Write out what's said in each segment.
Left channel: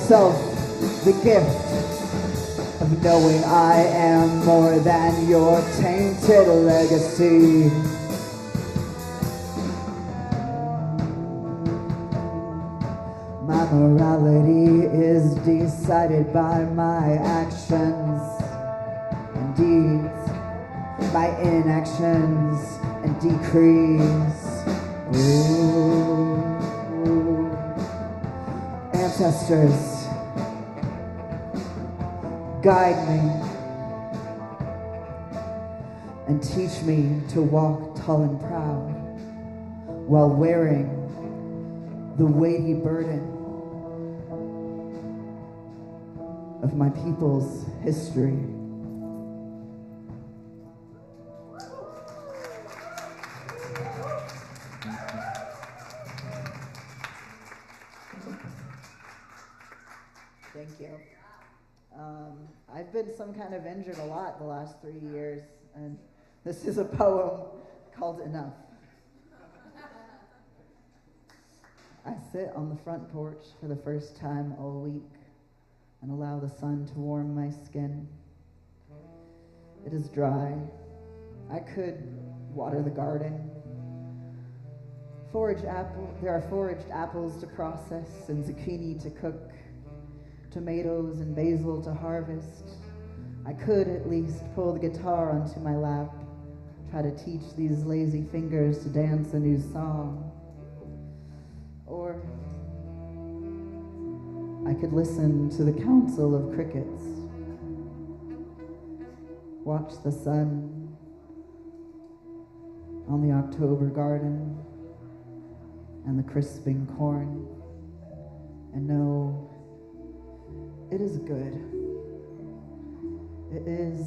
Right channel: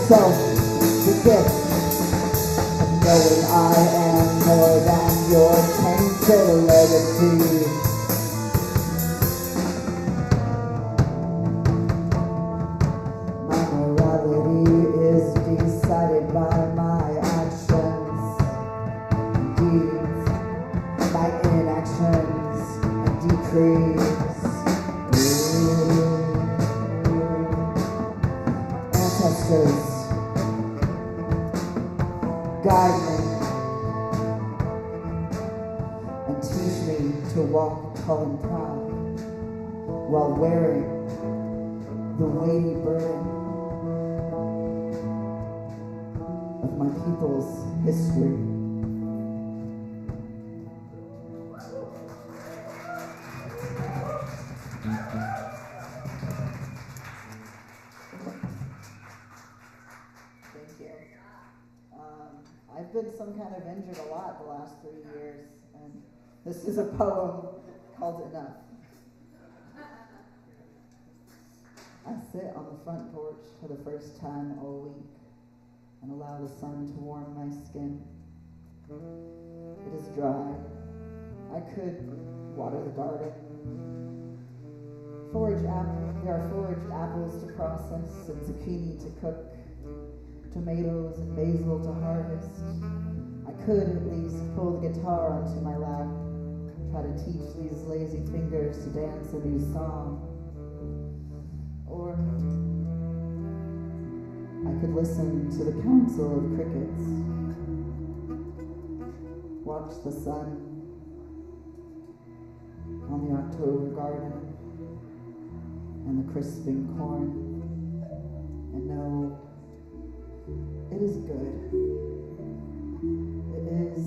myself the gift of knowing I am more than your tainted legacy. My morality is decided by my actions, deeds, my inactions and decrees. Ancestors, guide me and teach me to walk tall and proud while wearing the weighty burden of my people's history. Thank you. I've been some kind of injured a lot the last 3 years, and this is a poem called Enough. I sit on the front porch for the first time all week and allow the sun to warm my skin. It is dry. I could water the garden. There are foraged apples to process and zucchini to cook, tomatoes and basil to harvest. I could at least pull the guitar onto my lap, try to teach these lazy fingers to dance a new song. Or I could listen to the council of crickets, watch the sun on the October garden and the crisping corn, and know it is good. It is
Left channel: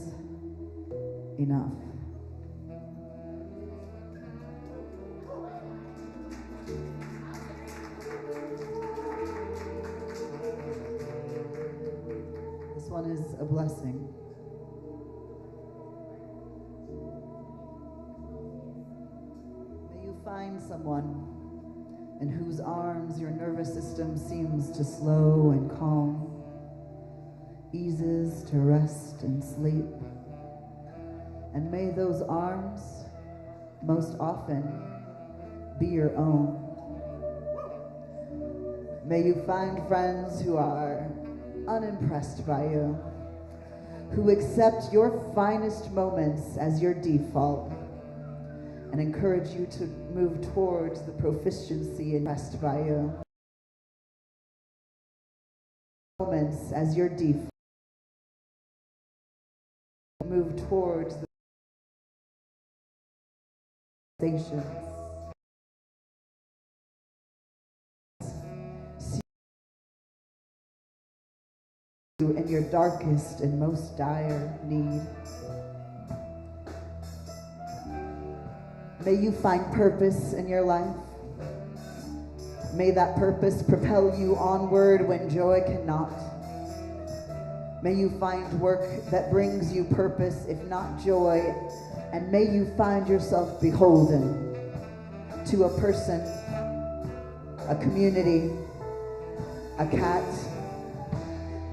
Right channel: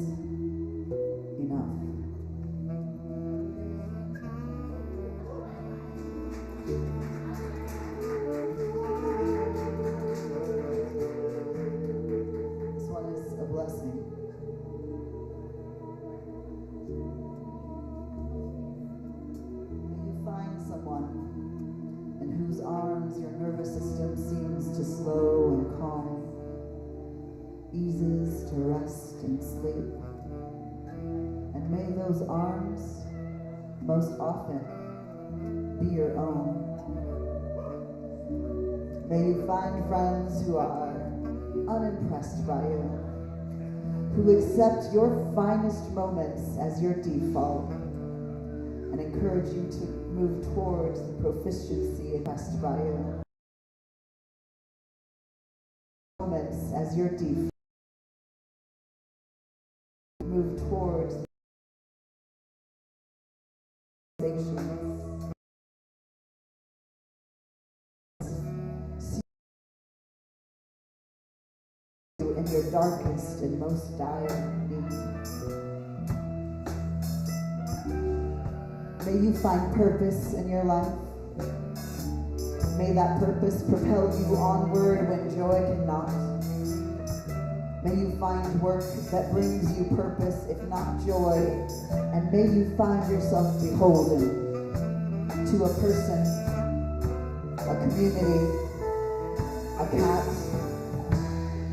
enough. This one is a blessing. May you find someone in whose arms your nervous system seems to slow and calm, eases to rest and sleep. And may those arms most often be your own. May you find friends who are unimpressed by you, who accept your finest moments as your default and encourage you to move towards the proficiency impressed by you. Moments as your default. Move towards the in your darkest and most dire need. May you find purpose in your life. May that purpose propel you onward when joy cannot. May you find work that brings you purpose, if not joy, and may you find yourself beholden to a person, a community, a cat.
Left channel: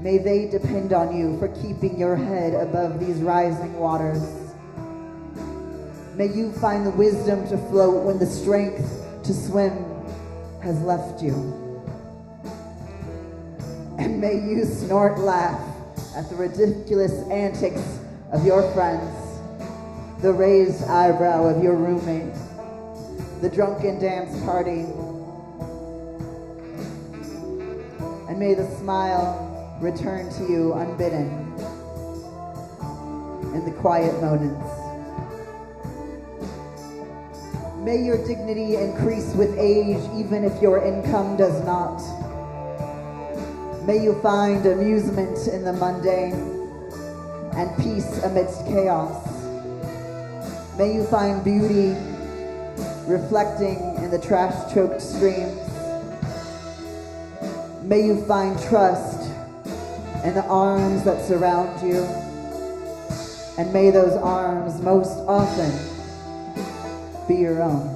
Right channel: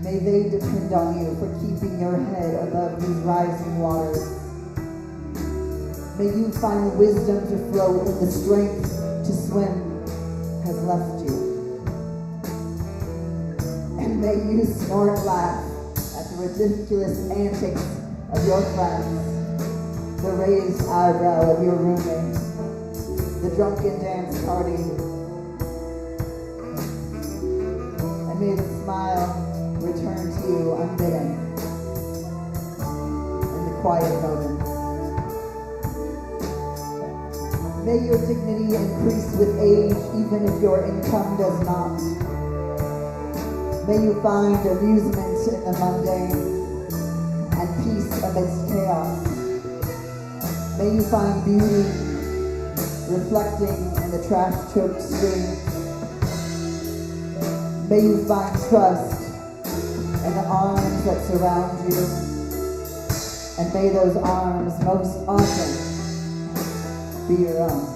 May they depend on you for keeping your head above these rising waters. May you find the wisdom to float when the strength to swim has left you. And may you snort laugh at the ridiculous antics of your friends, the raised eyebrow of your roommate, the drunken dance party. And may the smile return to you unbidden in the quiet moments. May your dignity increase with age, even if your income does not. May you find amusement in the mundane and peace amidst chaos. May you find beauty reflecting in the trash-choked streams. May you find trust in the arms that surround you. And may those arms most often be your own.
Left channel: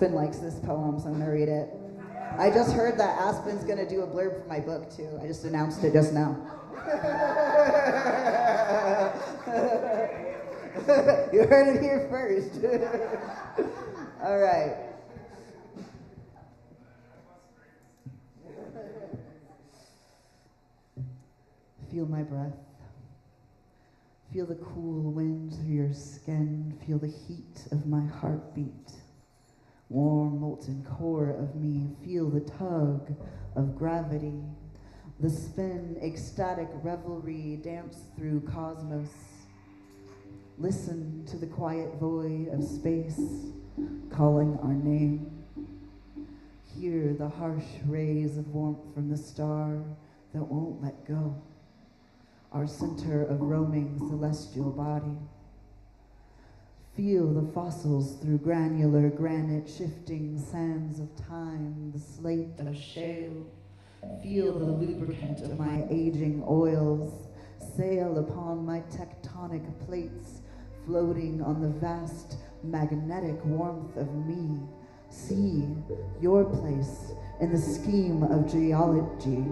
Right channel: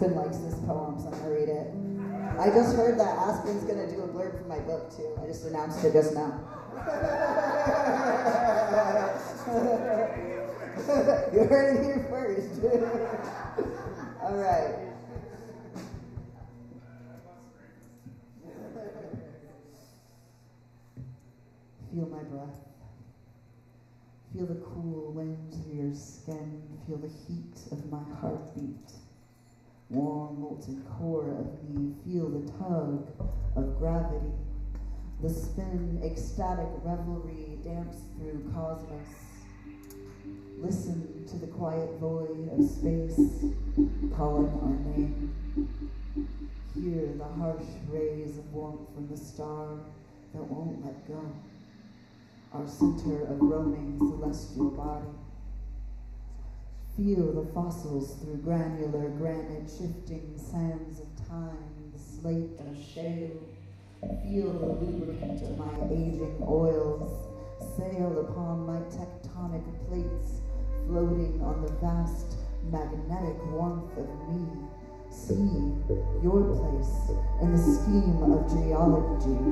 Aspen likes this poem, so I'm gonna read it. I just heard that Aspen's gonna do a blurb for my book too. I just announced it just now. You heard it here first. All right. Feel my breath. Feel the cool wind through your skin. Feel the heat of my heartbeat. Warm, molten core of me. Feel the tug of gravity. The spin, ecstatic revelry dance through cosmos. Listen to the quiet void of space calling our name. Hear the harsh rays of warmth from the star that won't let go. Our center of roaming celestial body. Feel the fossils through granular granite shifting sands of time, the slate of shale. Feel the lubricant of my aging oils sail upon my tectonic plates, floating on the vast magnetic warmth of me. See your place in the scheme of geology,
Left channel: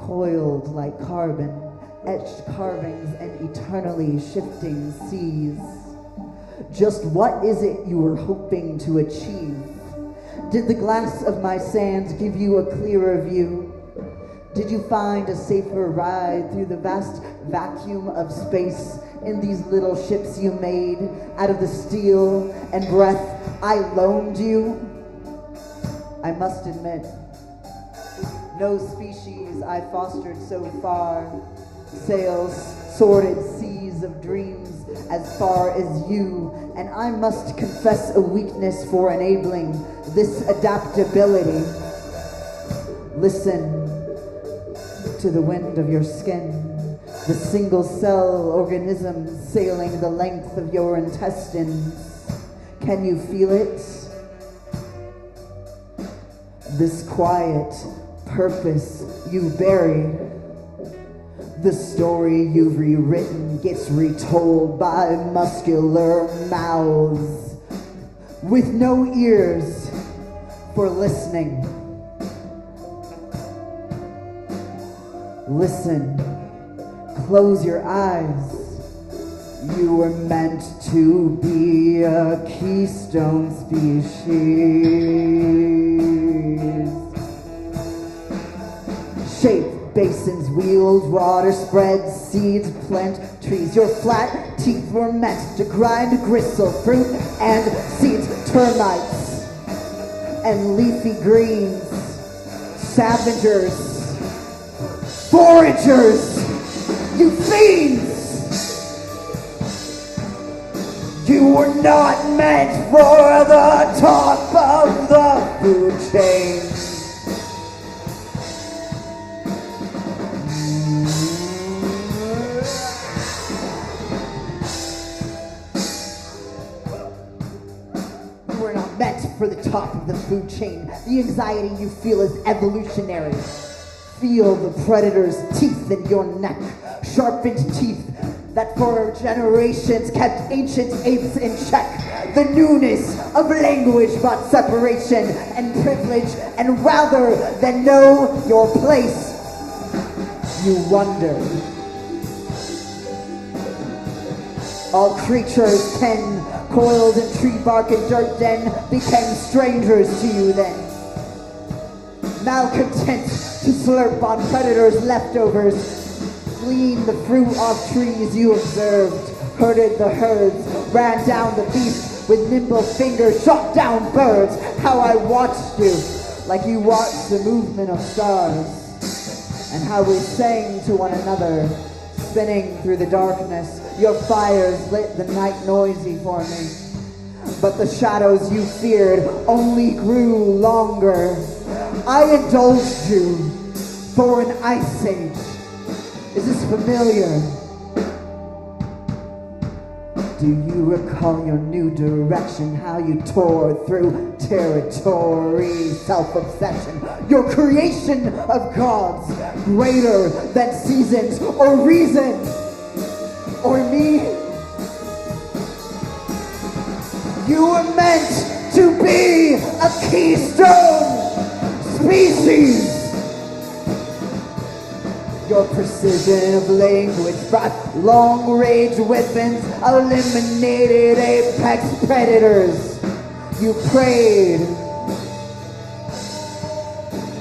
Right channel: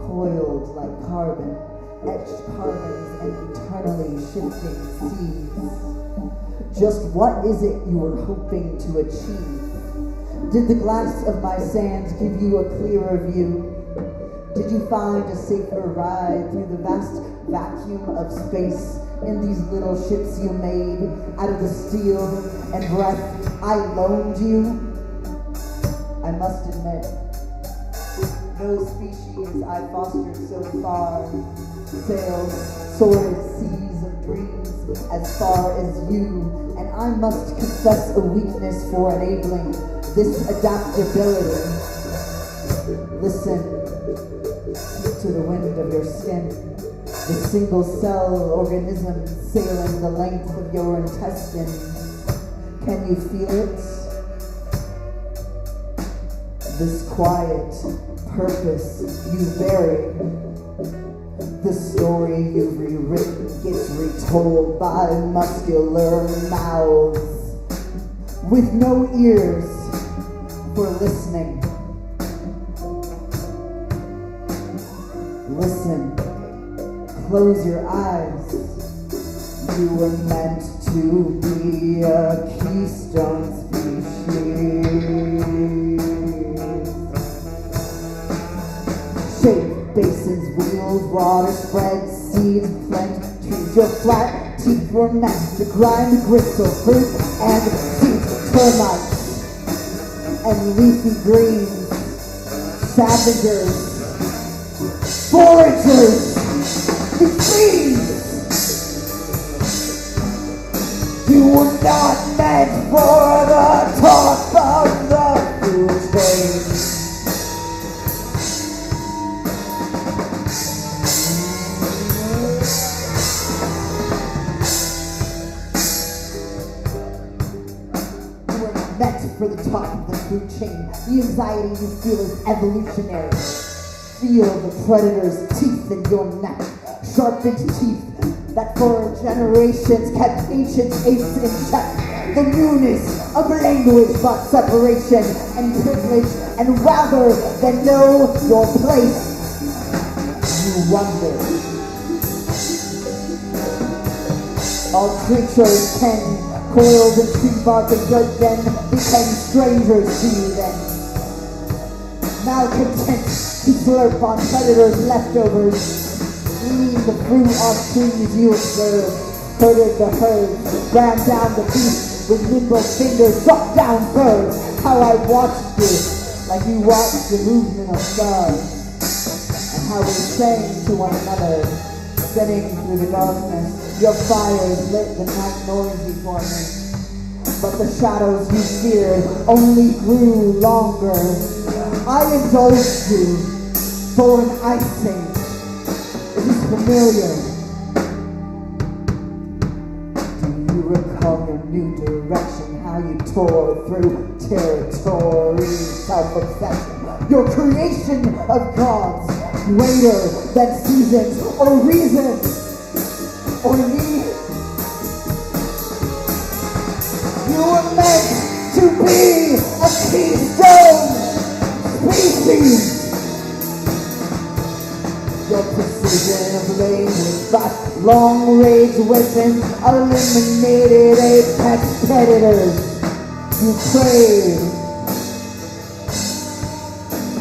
coiled like carbon, etched carvings and eternally shifting seas. Just what is it you were hoping to achieve? Did the glass of my sands give you a clearer view? Did you find a safer ride through the vast vacuum of space in these little ships you made out of the steel and breath I loaned you? I must admit, no species I fostered so far sails sordid seas of dreams as far as you, and I must confess a weakness for enabling this adaptability. Listen to the wind of your skin, the single cell organism sailing the length of your intestines. Can you feel it? This quiet purpose you buried. The story you've rewritten gets retold by muscular mouths with no ears for listening. Listen, close your eyes. You were meant to be a keystone species. Shape basins, wheels, water spreads, seeds, plant trees. Your flat teeth were meant to grind gristle, fruit and seeds, termites and leafy greens, scavengers, foragers, you fiends. You were not meant for the top of the food chain. You were not meant for the top of the food chain. The anxiety you feel is evolutionary. Feel the predator's teeth in your neck, sharpened teeth that for generations kept ancient apes in check. The newness of language brought separation and privilege, and rather than know your place, you wonder. All creatures pen, coiled in tree bark and dirt den, became strangers to you then. Malcontent, slurp on predators' leftovers. The fruit of trees you observed, herded the herds, ran down the beast with nimble fingers, shot down birds. How I watched you, like you watched the movement of stars, and how we sang to one another, spinning through the darkness. Your fires lit the night noisy for me, but the shadows you feared only grew longer. I indulged you for an ice age. Is this familiar? Do you recall your new direction? How you tore through territory, self-obsession, your creation of gods greater than seasons or reason or need. You were meant to be Brought long range weapons, eliminated apex predators. You preyed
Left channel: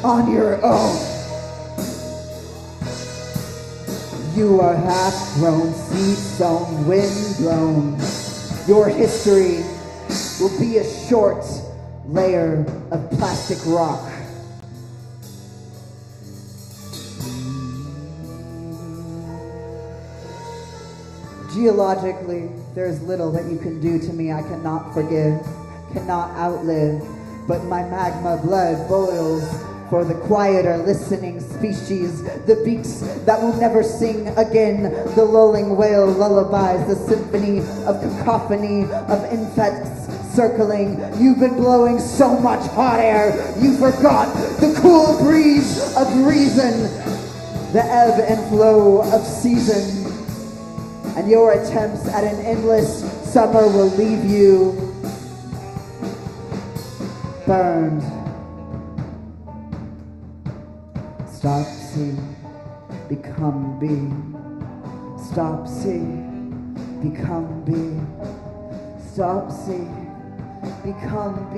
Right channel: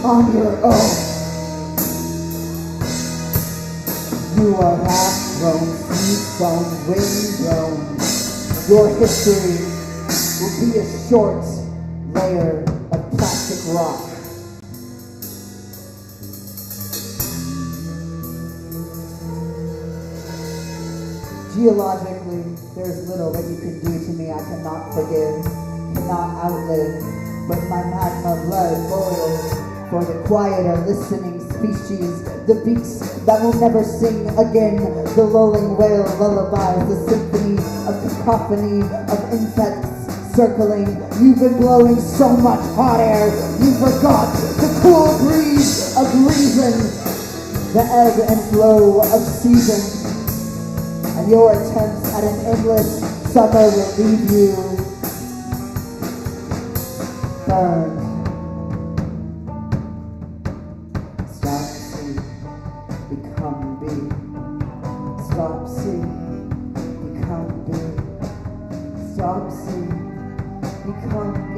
on your own. You are half grown, seed sown, wind blown. Your history will be a short layer of plastic rock. Geologically, there's little that you can do to me I cannot forgive, cannot outlive, but my magma blood boils for the quieter listening species, the beats that will never sing again, the lulling wail lullabies, the symphony of cacophony of insects circling. You've been blowing so much hot air, you forgot the cool breeze of reason, the ebb and flow of season. And your attempts at an endless summer will leave you burned. Stop C, become B. Stop C, become B. Stop C, become B.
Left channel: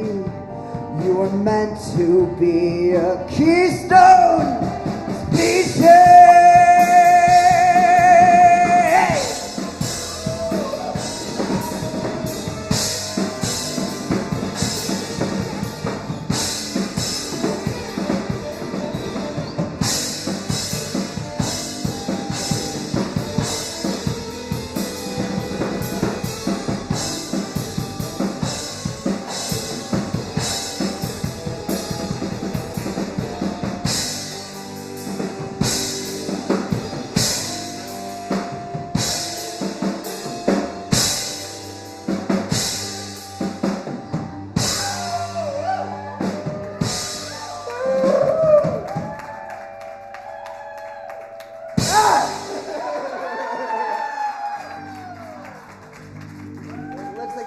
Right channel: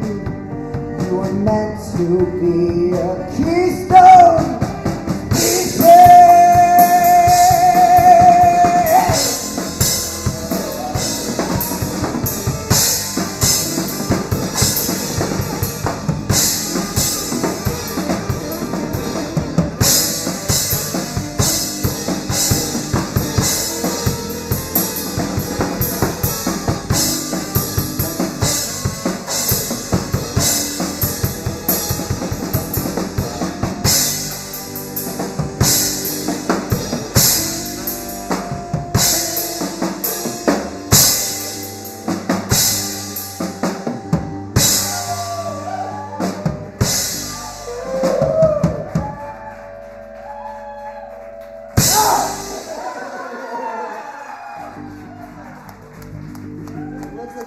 You were meant to be a keystone species.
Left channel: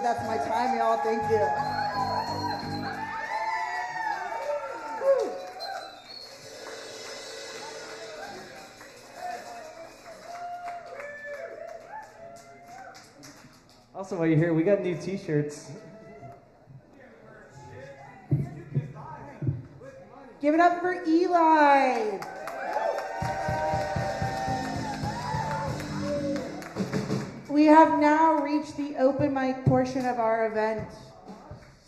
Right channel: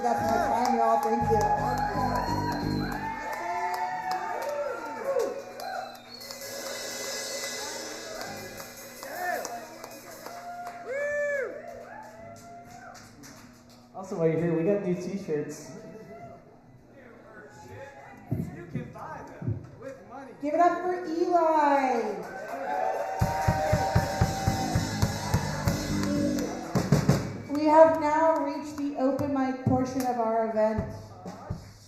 That's my time, y'all. Thank you. Also, while you're here, we got new t-shirts. Give it up for Eli. We have now reached the open mic portion of our event.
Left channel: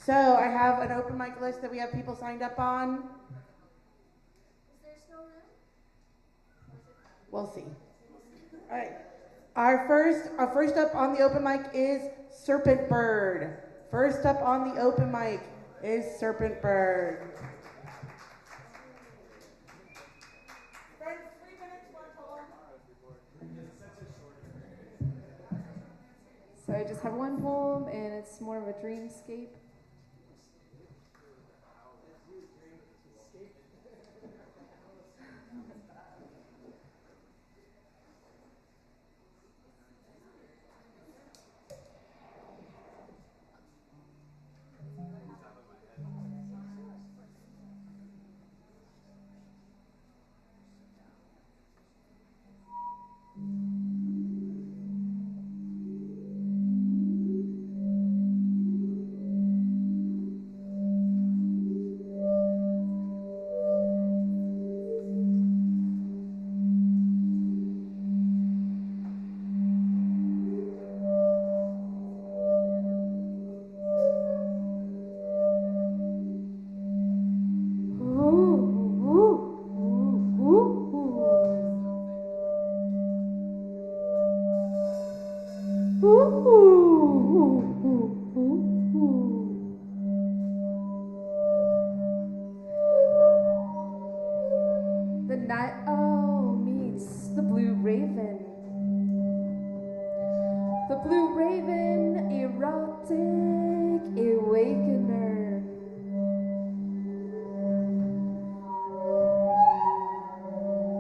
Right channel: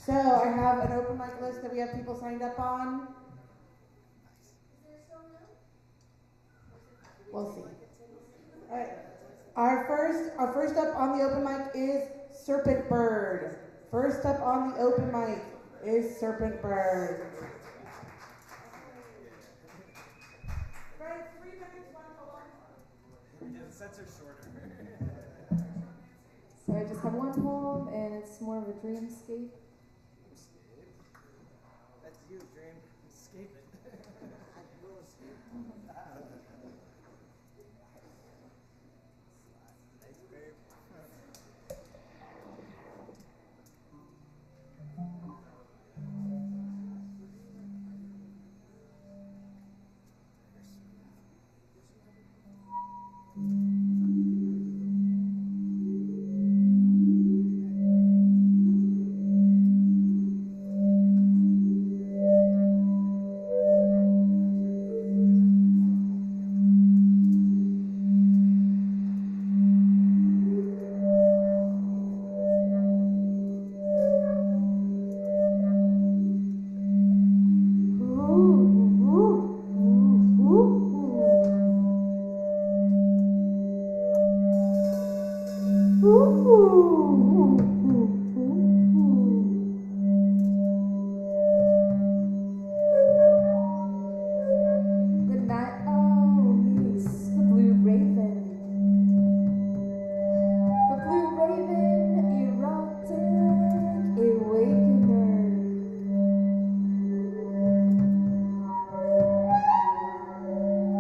So I have an open mic list that we have people signed up on. Is there still room? We'll see. All right. Our first up on the open mic is Serpent Bird. First up on the open mic is Serpent Bird. So I just have one poem, and it's more of a dreamscape. That's you, dreamscape. The night owl meets the blue raven. The blue raven, erotic awakener.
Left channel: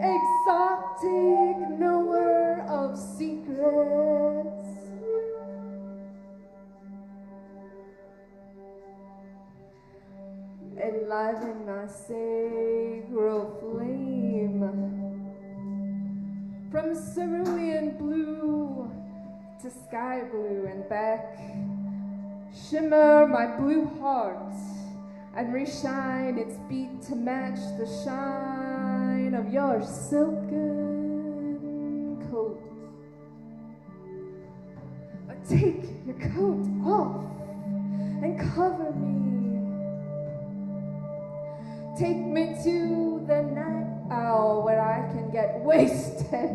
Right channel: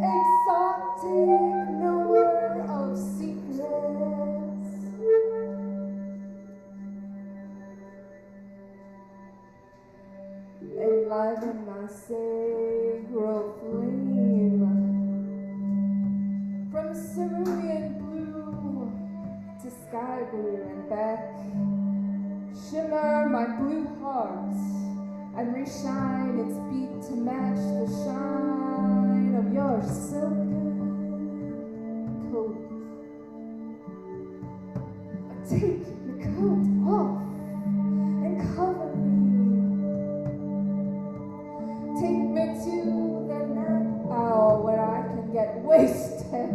Exotic knower of secrets. Enliven my sacral flame from cerulean blue. shimmer my blue heart and reshine its beat to match the shine of your silken coat. But take your coat off and cover me. Take me to the night owl where I can get wasted.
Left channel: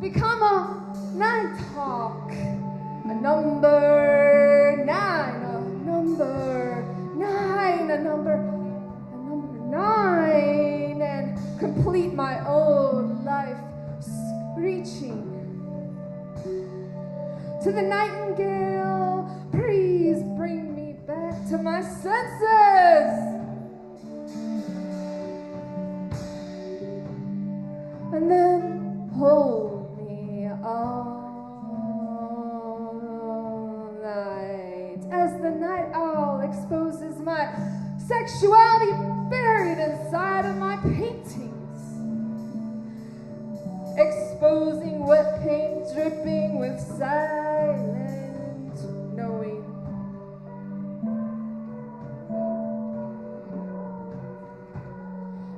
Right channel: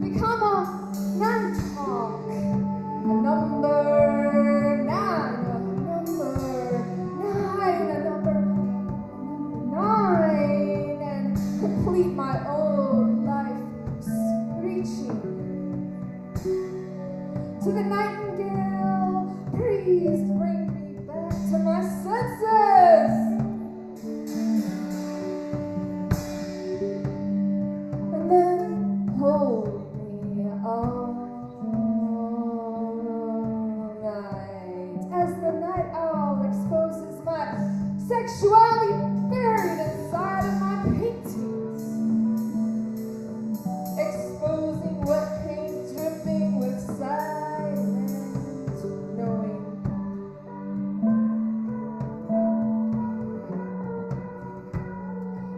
Become a nighthawk, a number nine, and complete my own life screeching. To the nightingale, please bring me back to my senses. And then hold me all night as the night owl exposes my sexuality buried inside of my paintings, exposing wet paint dripping with silent knowing.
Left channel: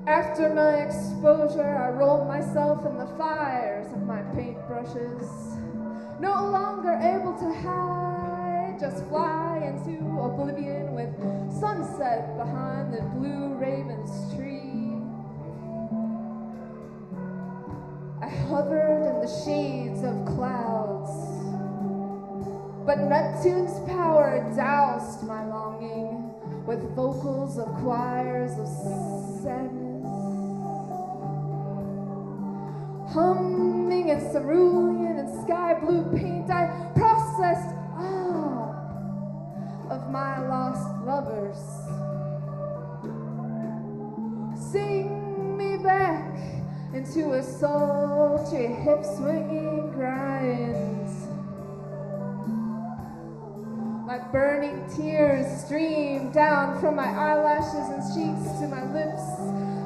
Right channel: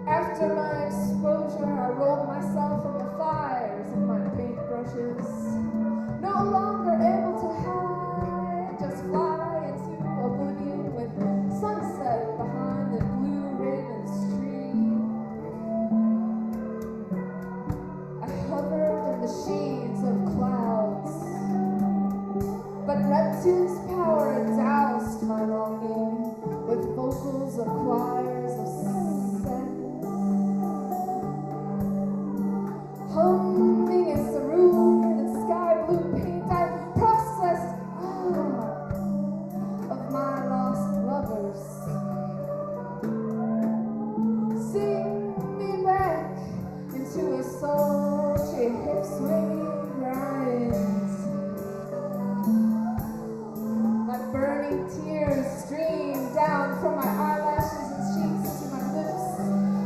After my exposure, I rolled myself in the fires of my paintbrushes, no longer able to hide, just fly into oblivion with sunset behind the blue raven's tree. I hovered in the shades of clouds, but Neptune's power doused my longing with vocals of choirs of sadness. Humming in cerulean and sky blue paint, I processed all of my lost lovers. Sing me back into a sultry hip-swinging grind. My burning tears stream down from my eyelashes and cheeks to my lips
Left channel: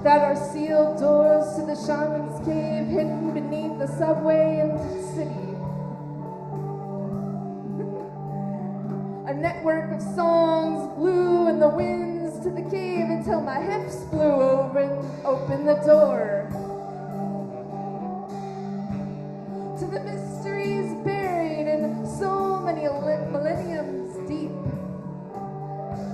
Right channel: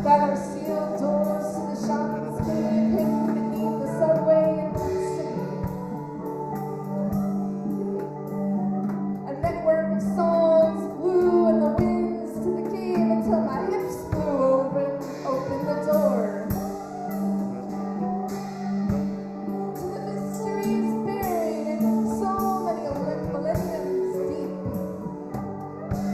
that are sealed doors to the shaman's cave hidden beneath the subway in the city. A network of songs blew in the winds to the cave until my hips flew open the door to the mysteries buried in so many millenniums deep.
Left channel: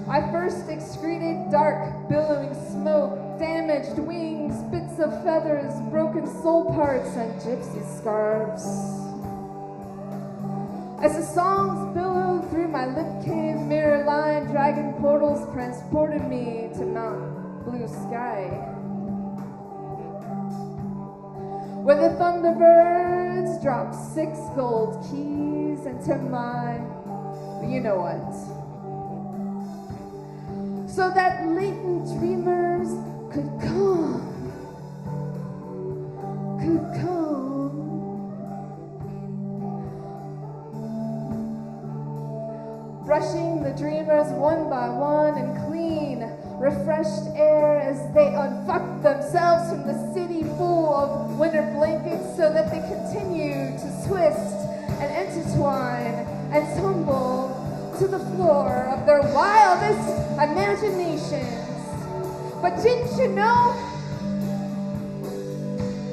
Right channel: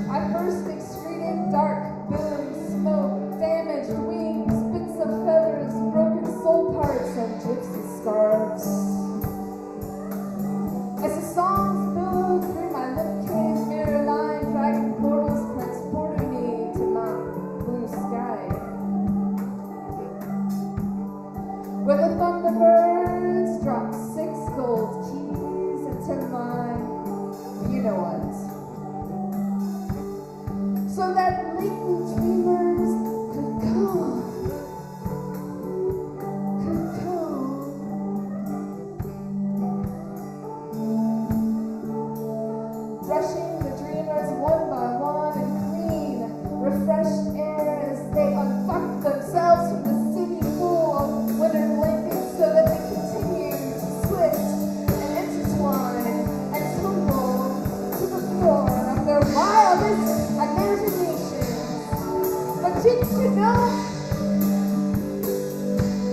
I first excreted dark, billowing smoke, damaged wings, bits of feathers, broken soul parts, and gypsy scarves. As the songs billowed through my lip cave, mirror-lined dragon portals transported me to Mount Blue Sky, where the thunderbirds dropped 6 gold keys into my you-know-what, so that latent dreamers could come. Brushing the dreamers one by one in clean, refreshed air as they unfucked themselves from the city full of winter blankets so that they continued to twist and intertwine and tumble to the floor of their wildest imaginations. But didn't you know?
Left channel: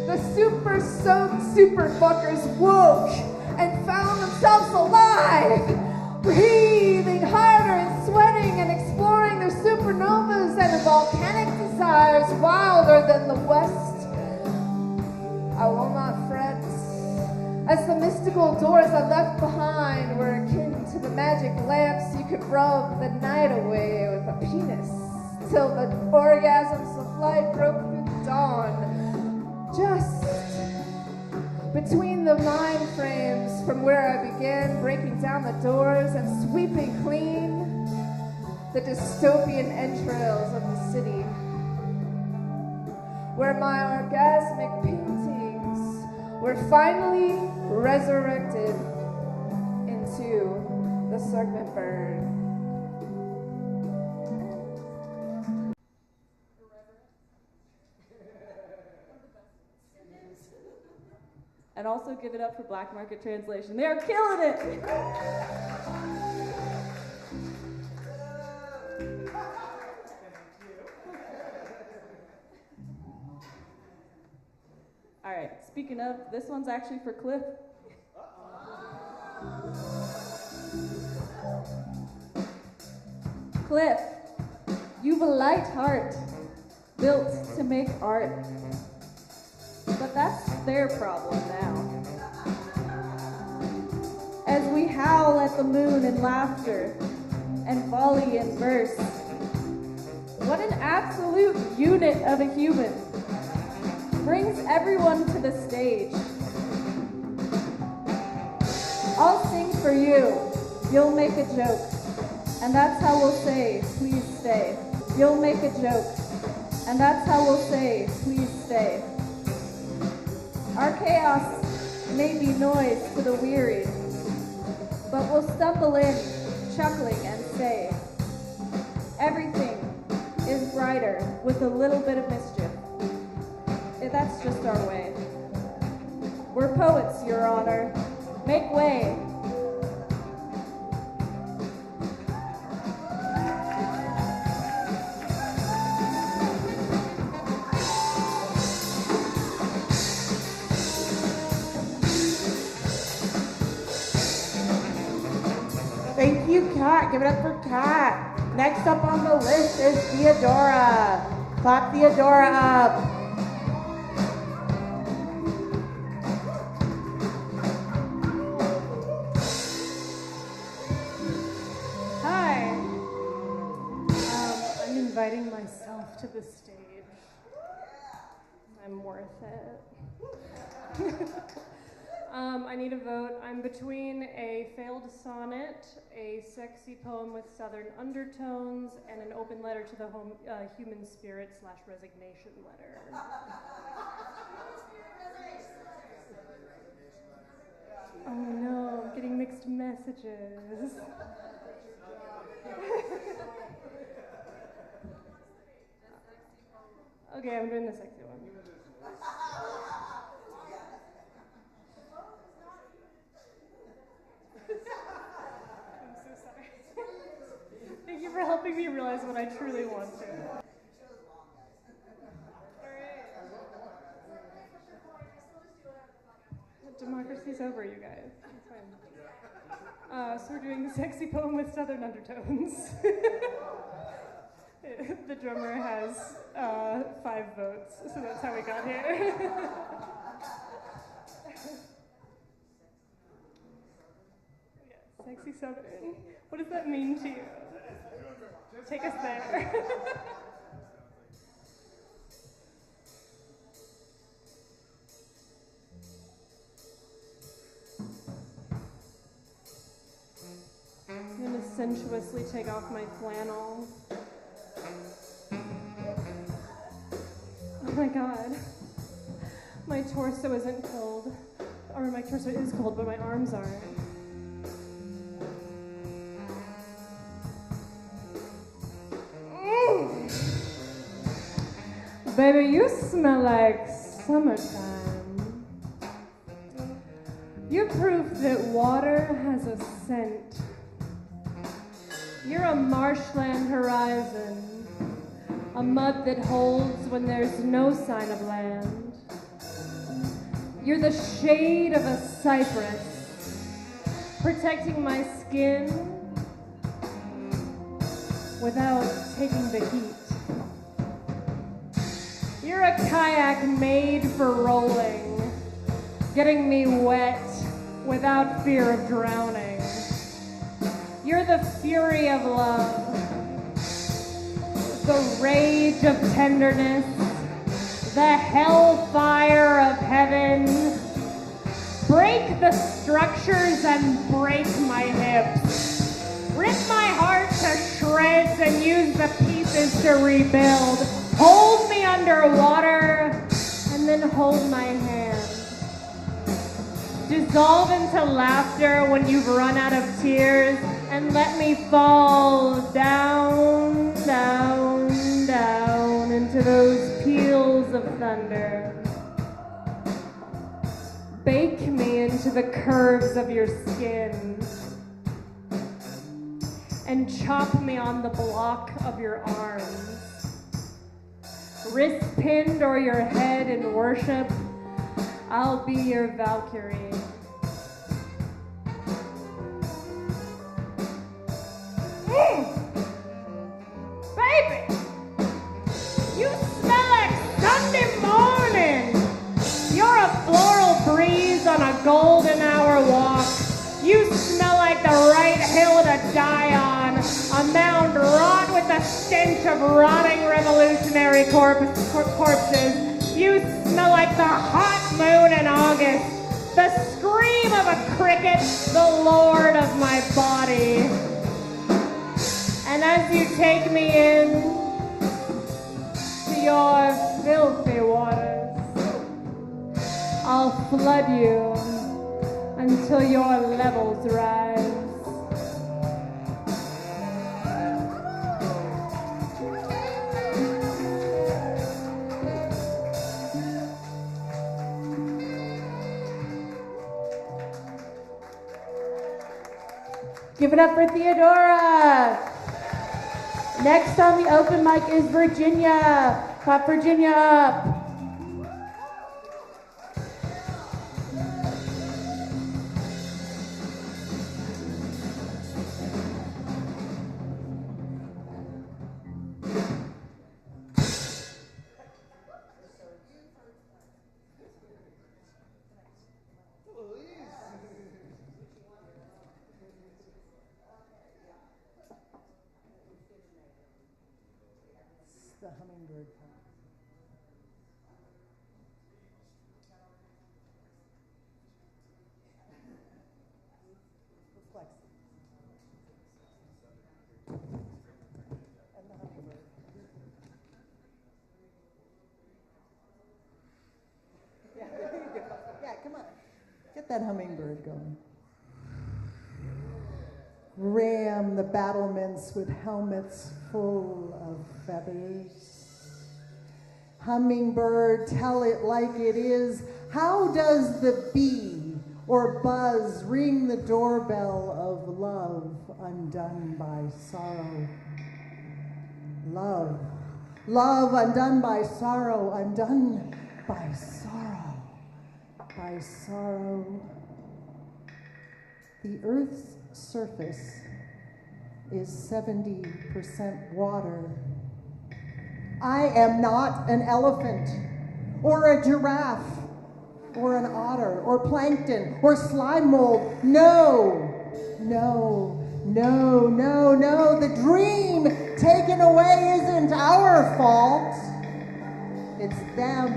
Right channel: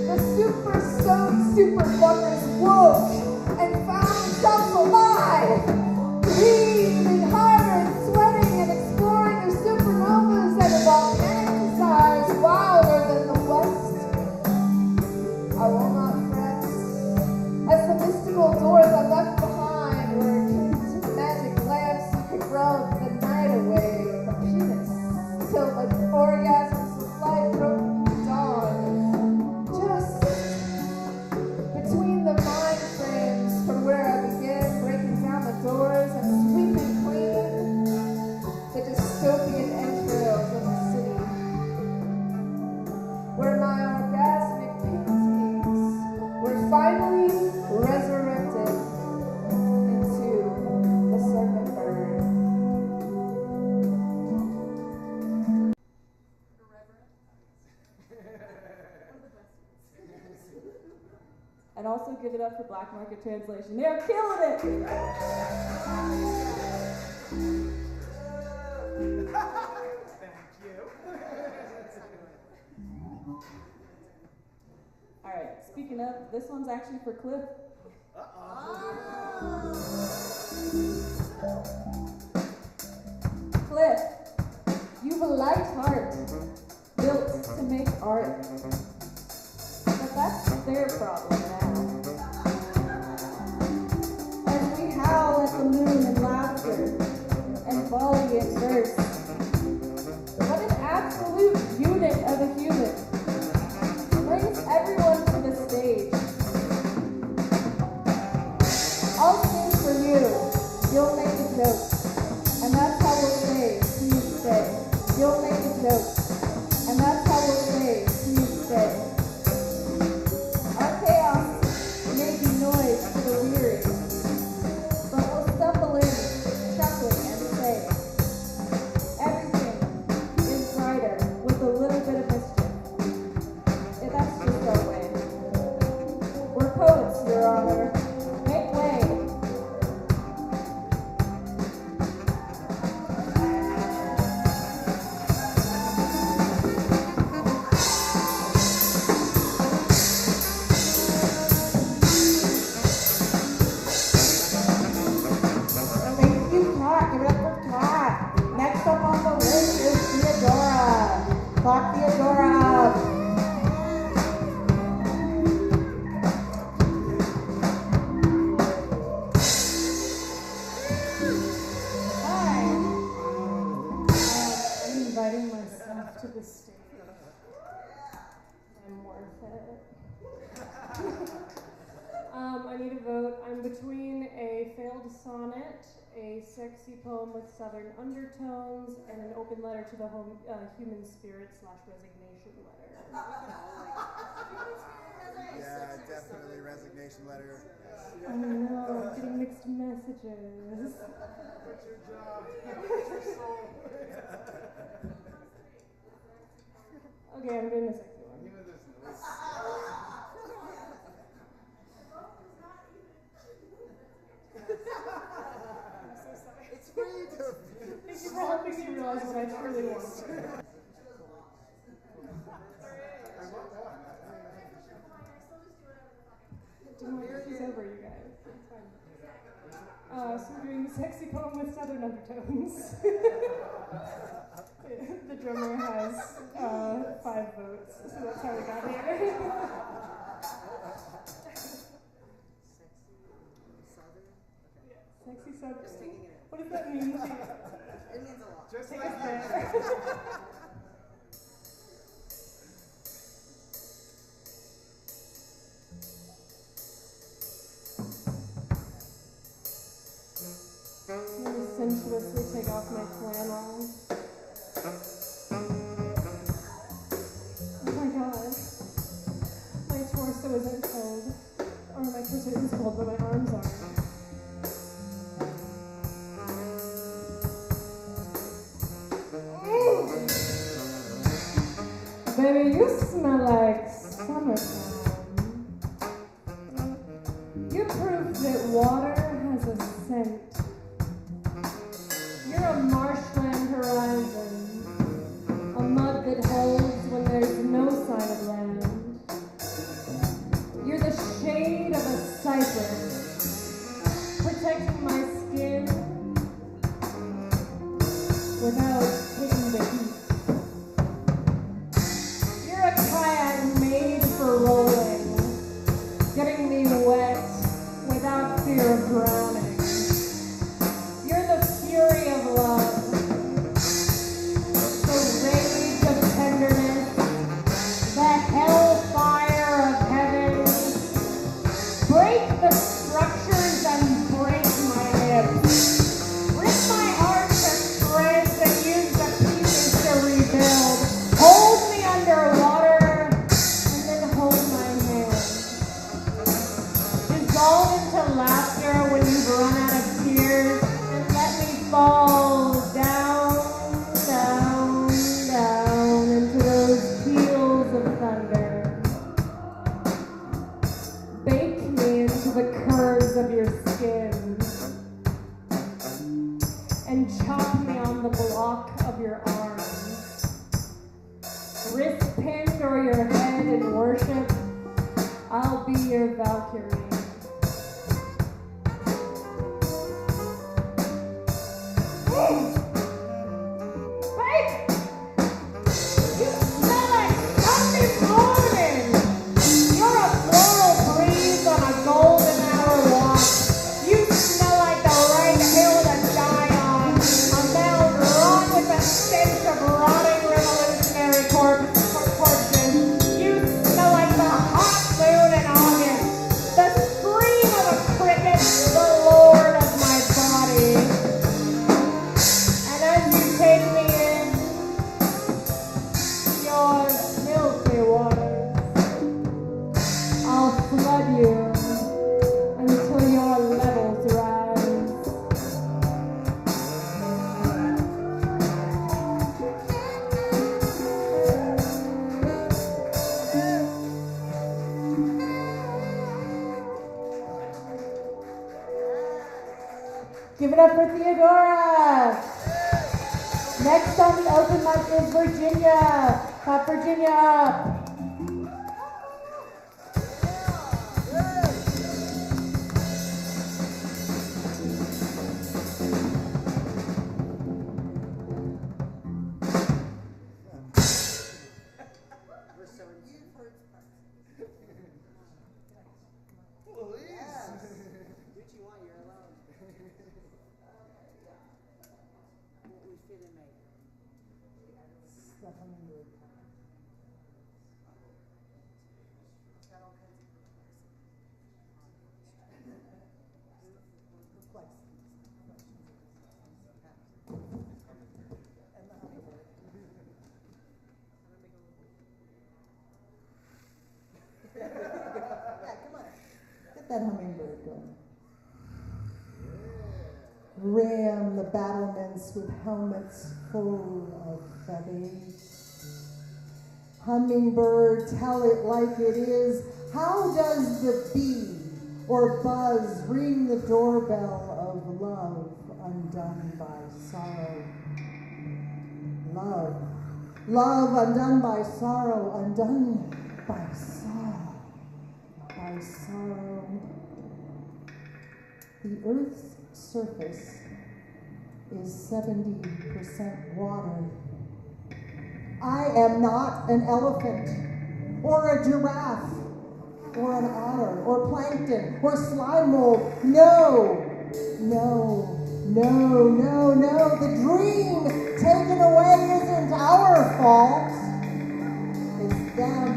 The super-soaked super-fuckers woke and found themselves alive, breathing harder and sweating and exploring their supernovas and volcanic desires wilder than the West. I will not fret, as the mystical doors I left behind were akin to the magic lamps you could rub the night away with a penis, till the orgasms of light broke through the dawn, just between the mind frames from where I began breaking down the doors and sweeping clean the dystopian entrails of the city, where my orgasmic paintings were finally resurrected into the serpent bird. And also also give it up for Black Market Translation. They are killing it! Alright, speaking of, this one's actually for Cliff. Cliff, you've a light heart, built to make art. But that's their problem now. As we howl at the moon in laughter and volley in verse, what an absolute unit of a human brings everyone to the stage. I'll sing for you, you'll make a joke, and that's how we'll say, please stay. You'll make a joke, and that's how we'll say, please stay. Our chaos may be noise for the weary, but we'll stumble in, chuckling and say, everything is brighter with a little bit of mischief. And that's just our way. We're poets, Your Honor. Make way. Thank you, Kat. Give it up for Kat. Next up on the list is Theodora. Clap Theodora up. Hi. I'm inviting myself to the stage. I'm worth it. I need a vote. I'm between a failed sonnet, a sexy poem with southern undertones, and an open letter to the human spirit / resignation letter. Yeah, definitely resignation letter. Oh no, getting mixed messages. Okay, I'm doing the sexy one. Thank you for helping me realize what I truly want. Democracy's over, you guys. It's fine. So we're doing a sexy poem with southern undertones. The drummer has 5 votes, so that's how we got here. Sexy southern. What does that mean to you? Take us there. I'm gonna sensuously take off my flannel. Oh my god. My torso isn't cold. Or my torso is cold, but my arms aren't. Baby, you smell like summertime. You're proof that water has a scent. You're a marshland horizon, a mud that holds when there's no sign of land. You're the shade of a cypress, protecting my skin without taking the heat. You're a kayak made for rolling, getting me wet without fear of drowning. You're the fury of love, the rage of tenderness, the hellfire of heaven. Break the structures and break my hips. Rip my heart to shreds and use the pieces to rebuild. Hold me underwater and then hold my hand. Dissolve into laughter when you've run out of tears and let me fall down, down, down into those peals of thunder. Bake me the curves of your skin and chop me on the block of your arms. Wrist pinned or your head in worship, I'll be your Valkyrie. Baby, you smell like Sunday morning. You're a floral breeze on a golden hour walk. You smell like the right hill to die on. A mound wrought with the stench of rotting revolutionary corpses. You smell like the hot moon in August. The scream of a cricket, the lord of my body. And as you take me in to your filthy waters, I'll flood you until your levels rise. Give it up for Theodora. Next on the open mic is Virginia. Clap Virginia up. Yeah, come on. Get that hummingbird going. Ram the battlements with helmets full of feathers. Hummingbird, tell it like it is. How does the bee or buzz ring the doorbell of love undone by sorrow? Love, love undone by sorrow, undone by sorrow, by sorrow. The earth's surface is 70% water. I am not an elephant, or a giraffe, or an otter, or plankton, or slime mold. No, no, no, no, no. The dream taken away isn't our fault. It's them.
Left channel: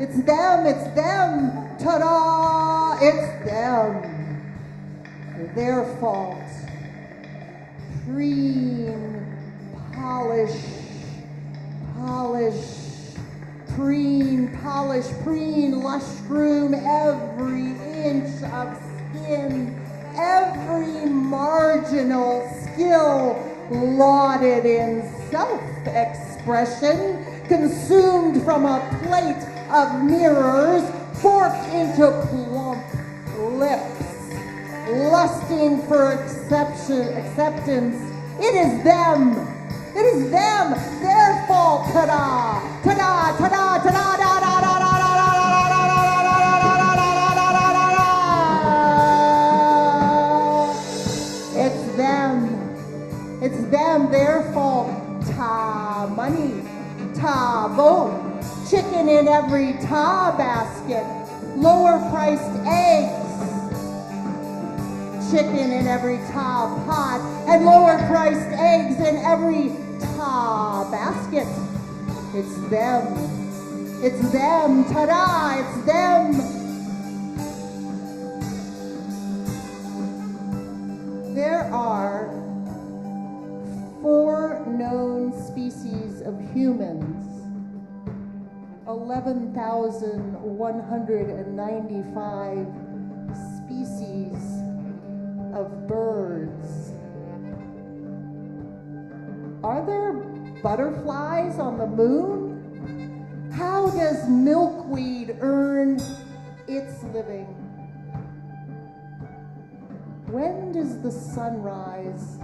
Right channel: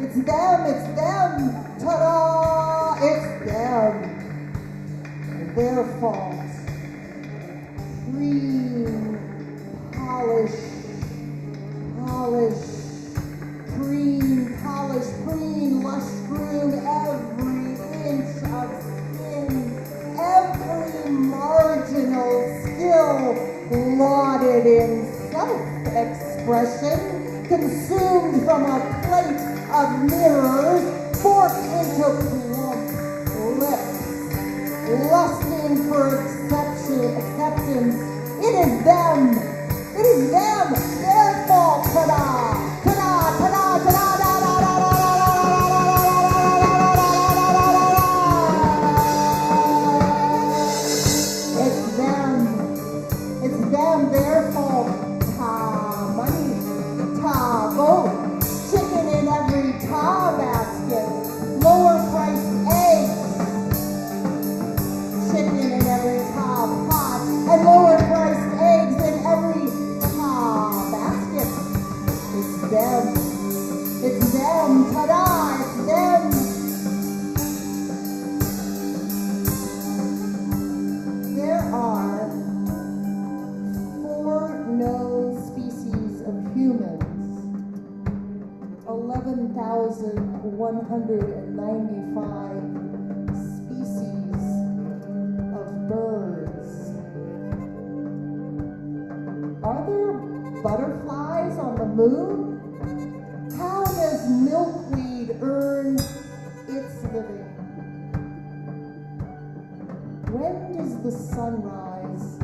It's them, it's them. Ta-da! It's them. Their fault. Green, polish, preen, lush groom, every inch of skin, every marginal skill lauded in self-expression, consumed from a plate of mirrors, forked into plump lips, lusting for acceptance. It is them. It is them. Their fault. Ta-da! Ta-da! Ta-da! Ta-da! Da da da da da da da da. It's them. It's them. Their fault. Ta money. Ta vote. Chicken in every ta basket. Lower priced eggs. Chicken in every top pot, and lower priced eggs in every top basket. It's them. It's them. Ta-da! It's them. There are 4 known species of humans, 11,195 of birds. Are there butterflies on the moon? How does milkweed earn its living? when does the sunrise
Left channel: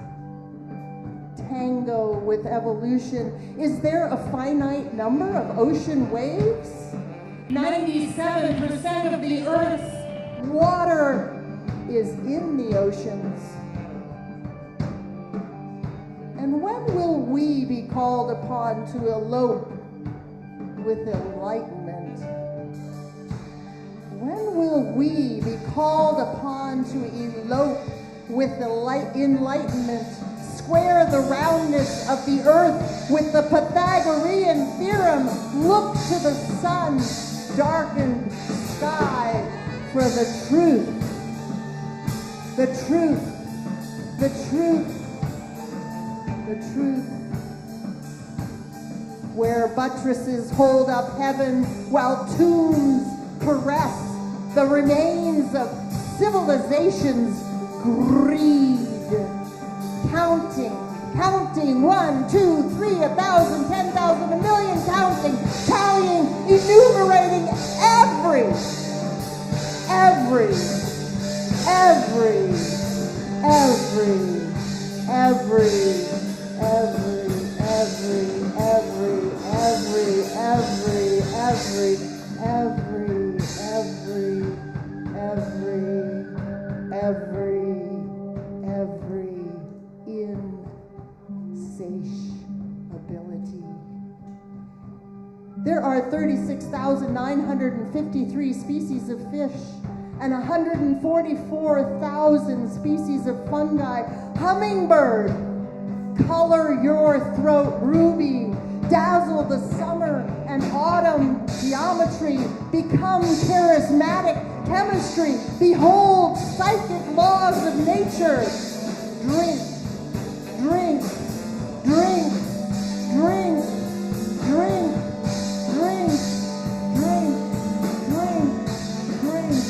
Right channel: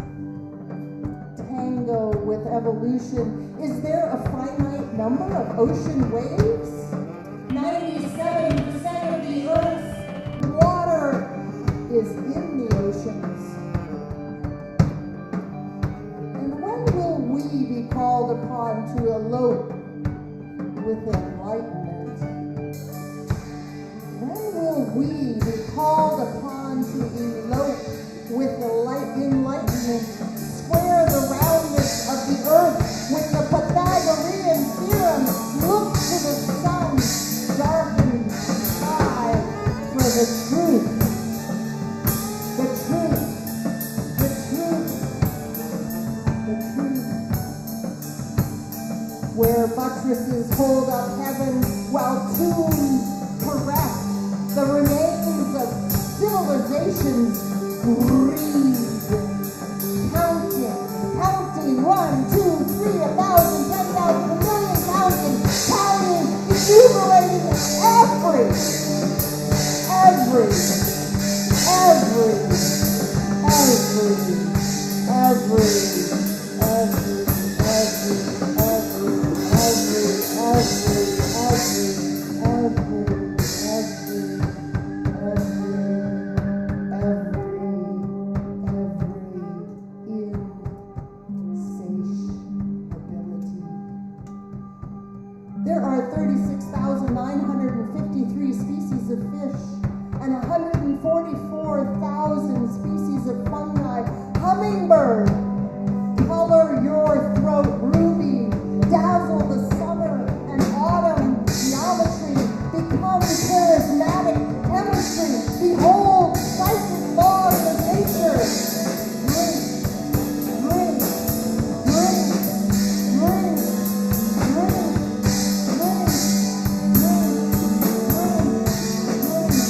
tango with evolution? Is there a finite number of ocean waves? 97% of the Earth's water is in the oceans. And when will we be called upon to elope with enlightenment? When will we be called upon to elope with enlightenment? Square the roundness of the earth with the Pythagorean theorem. Look to the sun, darken the sky for the truth. The truth. The truth. The truth. Where buttresses hold up heaven while tombs caress the remains of civilizations breathe. Counting, 1, 2, 3, 1,000, 10,000, a million, counting, enumerating every There are 36,953 species of fish and 144,000 species of fungi. Hummingbird, color your throat ruby, dazzle the summer and autumn geometry, become charismatic chemistry, behold psychic laws of nature. Drink, drink, drink, drink, drink, drink, drink, drink, drink,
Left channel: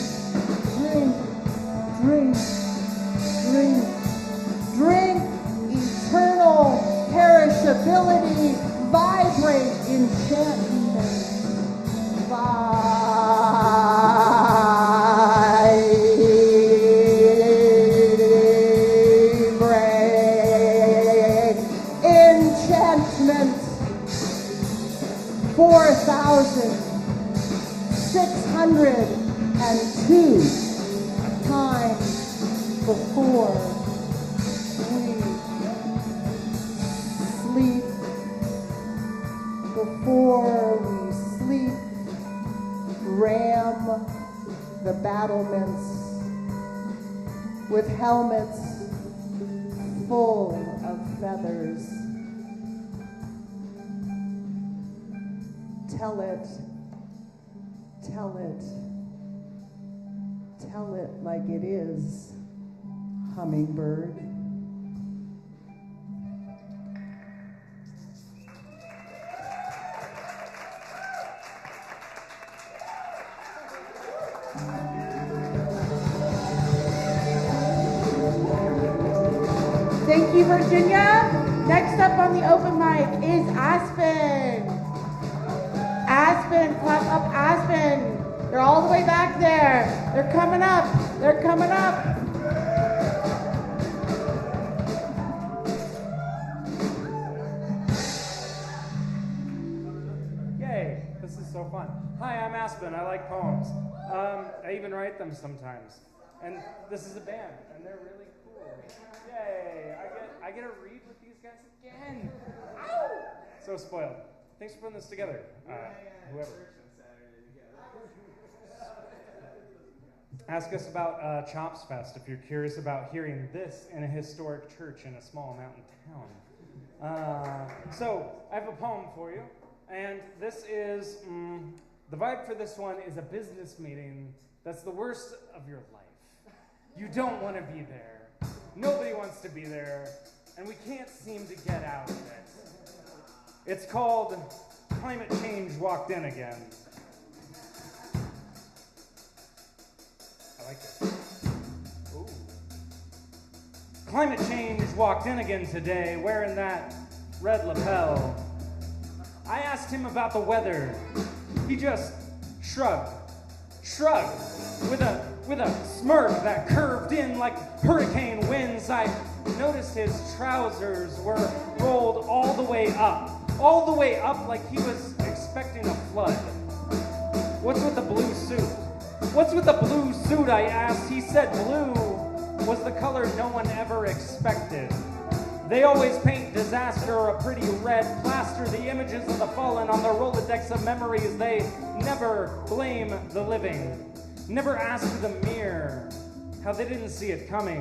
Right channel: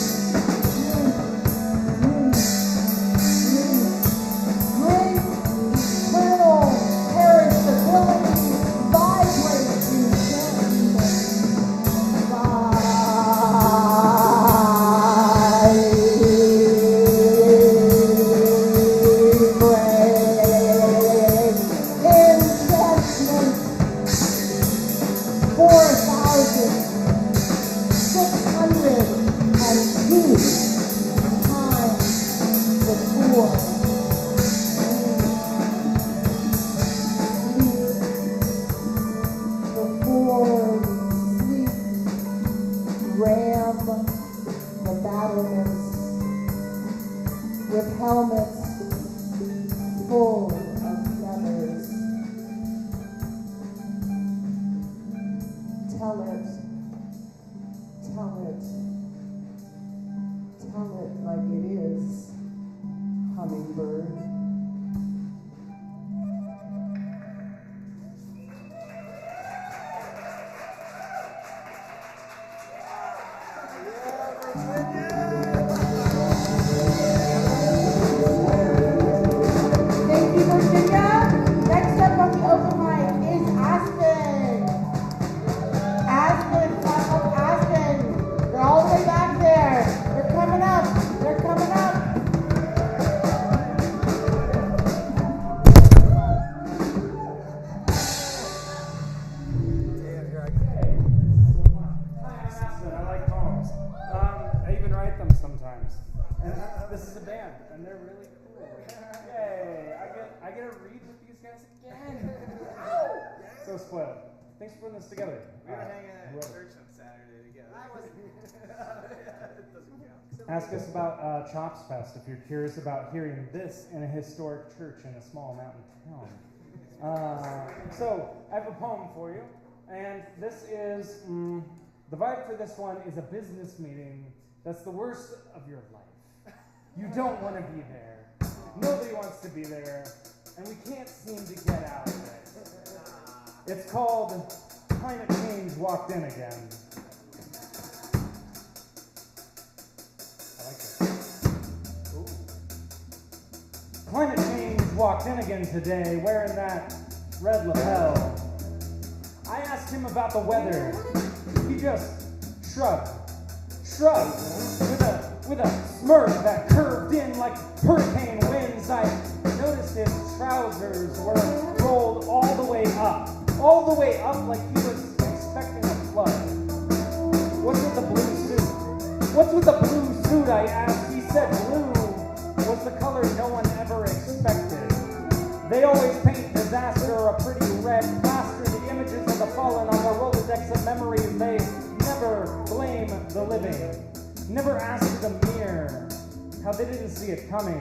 drink, drink, drink, eternal perishability, vibrate enchantment, vibrate enchantment. 4,602 times before we sleep. Before we sleep, ram the battlements with helmets full of feathers. Tell it, tell it, tell it like it is, hummingbird. Thank you, Virginia. Next up on the open mic is Aspen. Aspen, class of Aspen. They're all the way back there. They're coming up. They're coming up. Okay, this is so fun. Hi, I'm Aspen. I like poems. I even write them sometimes. And this is a band, and they're really cool. Yay! I get to read with these guys again. Ow! So spoiled. Thanks for putting this together. We were hanging at Whoever. church on Saturday together. Ask us about Chops Fest if you're curious about hearing this in a historic church in a small mountain town. So, I have a poem for you, and this is, the vibe for this one is a business meeting that's the worst of your life. You don't want to be there. Nobody wants to be there, and we can't seem to get out of it. It's called Climate Change Walked In Again. I like it. Ooh. Climate change walked in again today, wearing that red lapel. I asked him about the weather. He just shrugged with a smirk that curved in like like hurricane winds. I noticed his trousers were rolled all the way up like he was expecting a flood. What's with the blue suit? What's with the blue suit, I asked. He said blue was the color no one ever expected. They always paint disaster a pretty red, plaster the images of the fallen on their Rolodex of memories. They never blame the living, never ask the mirror how they didn't see it coming.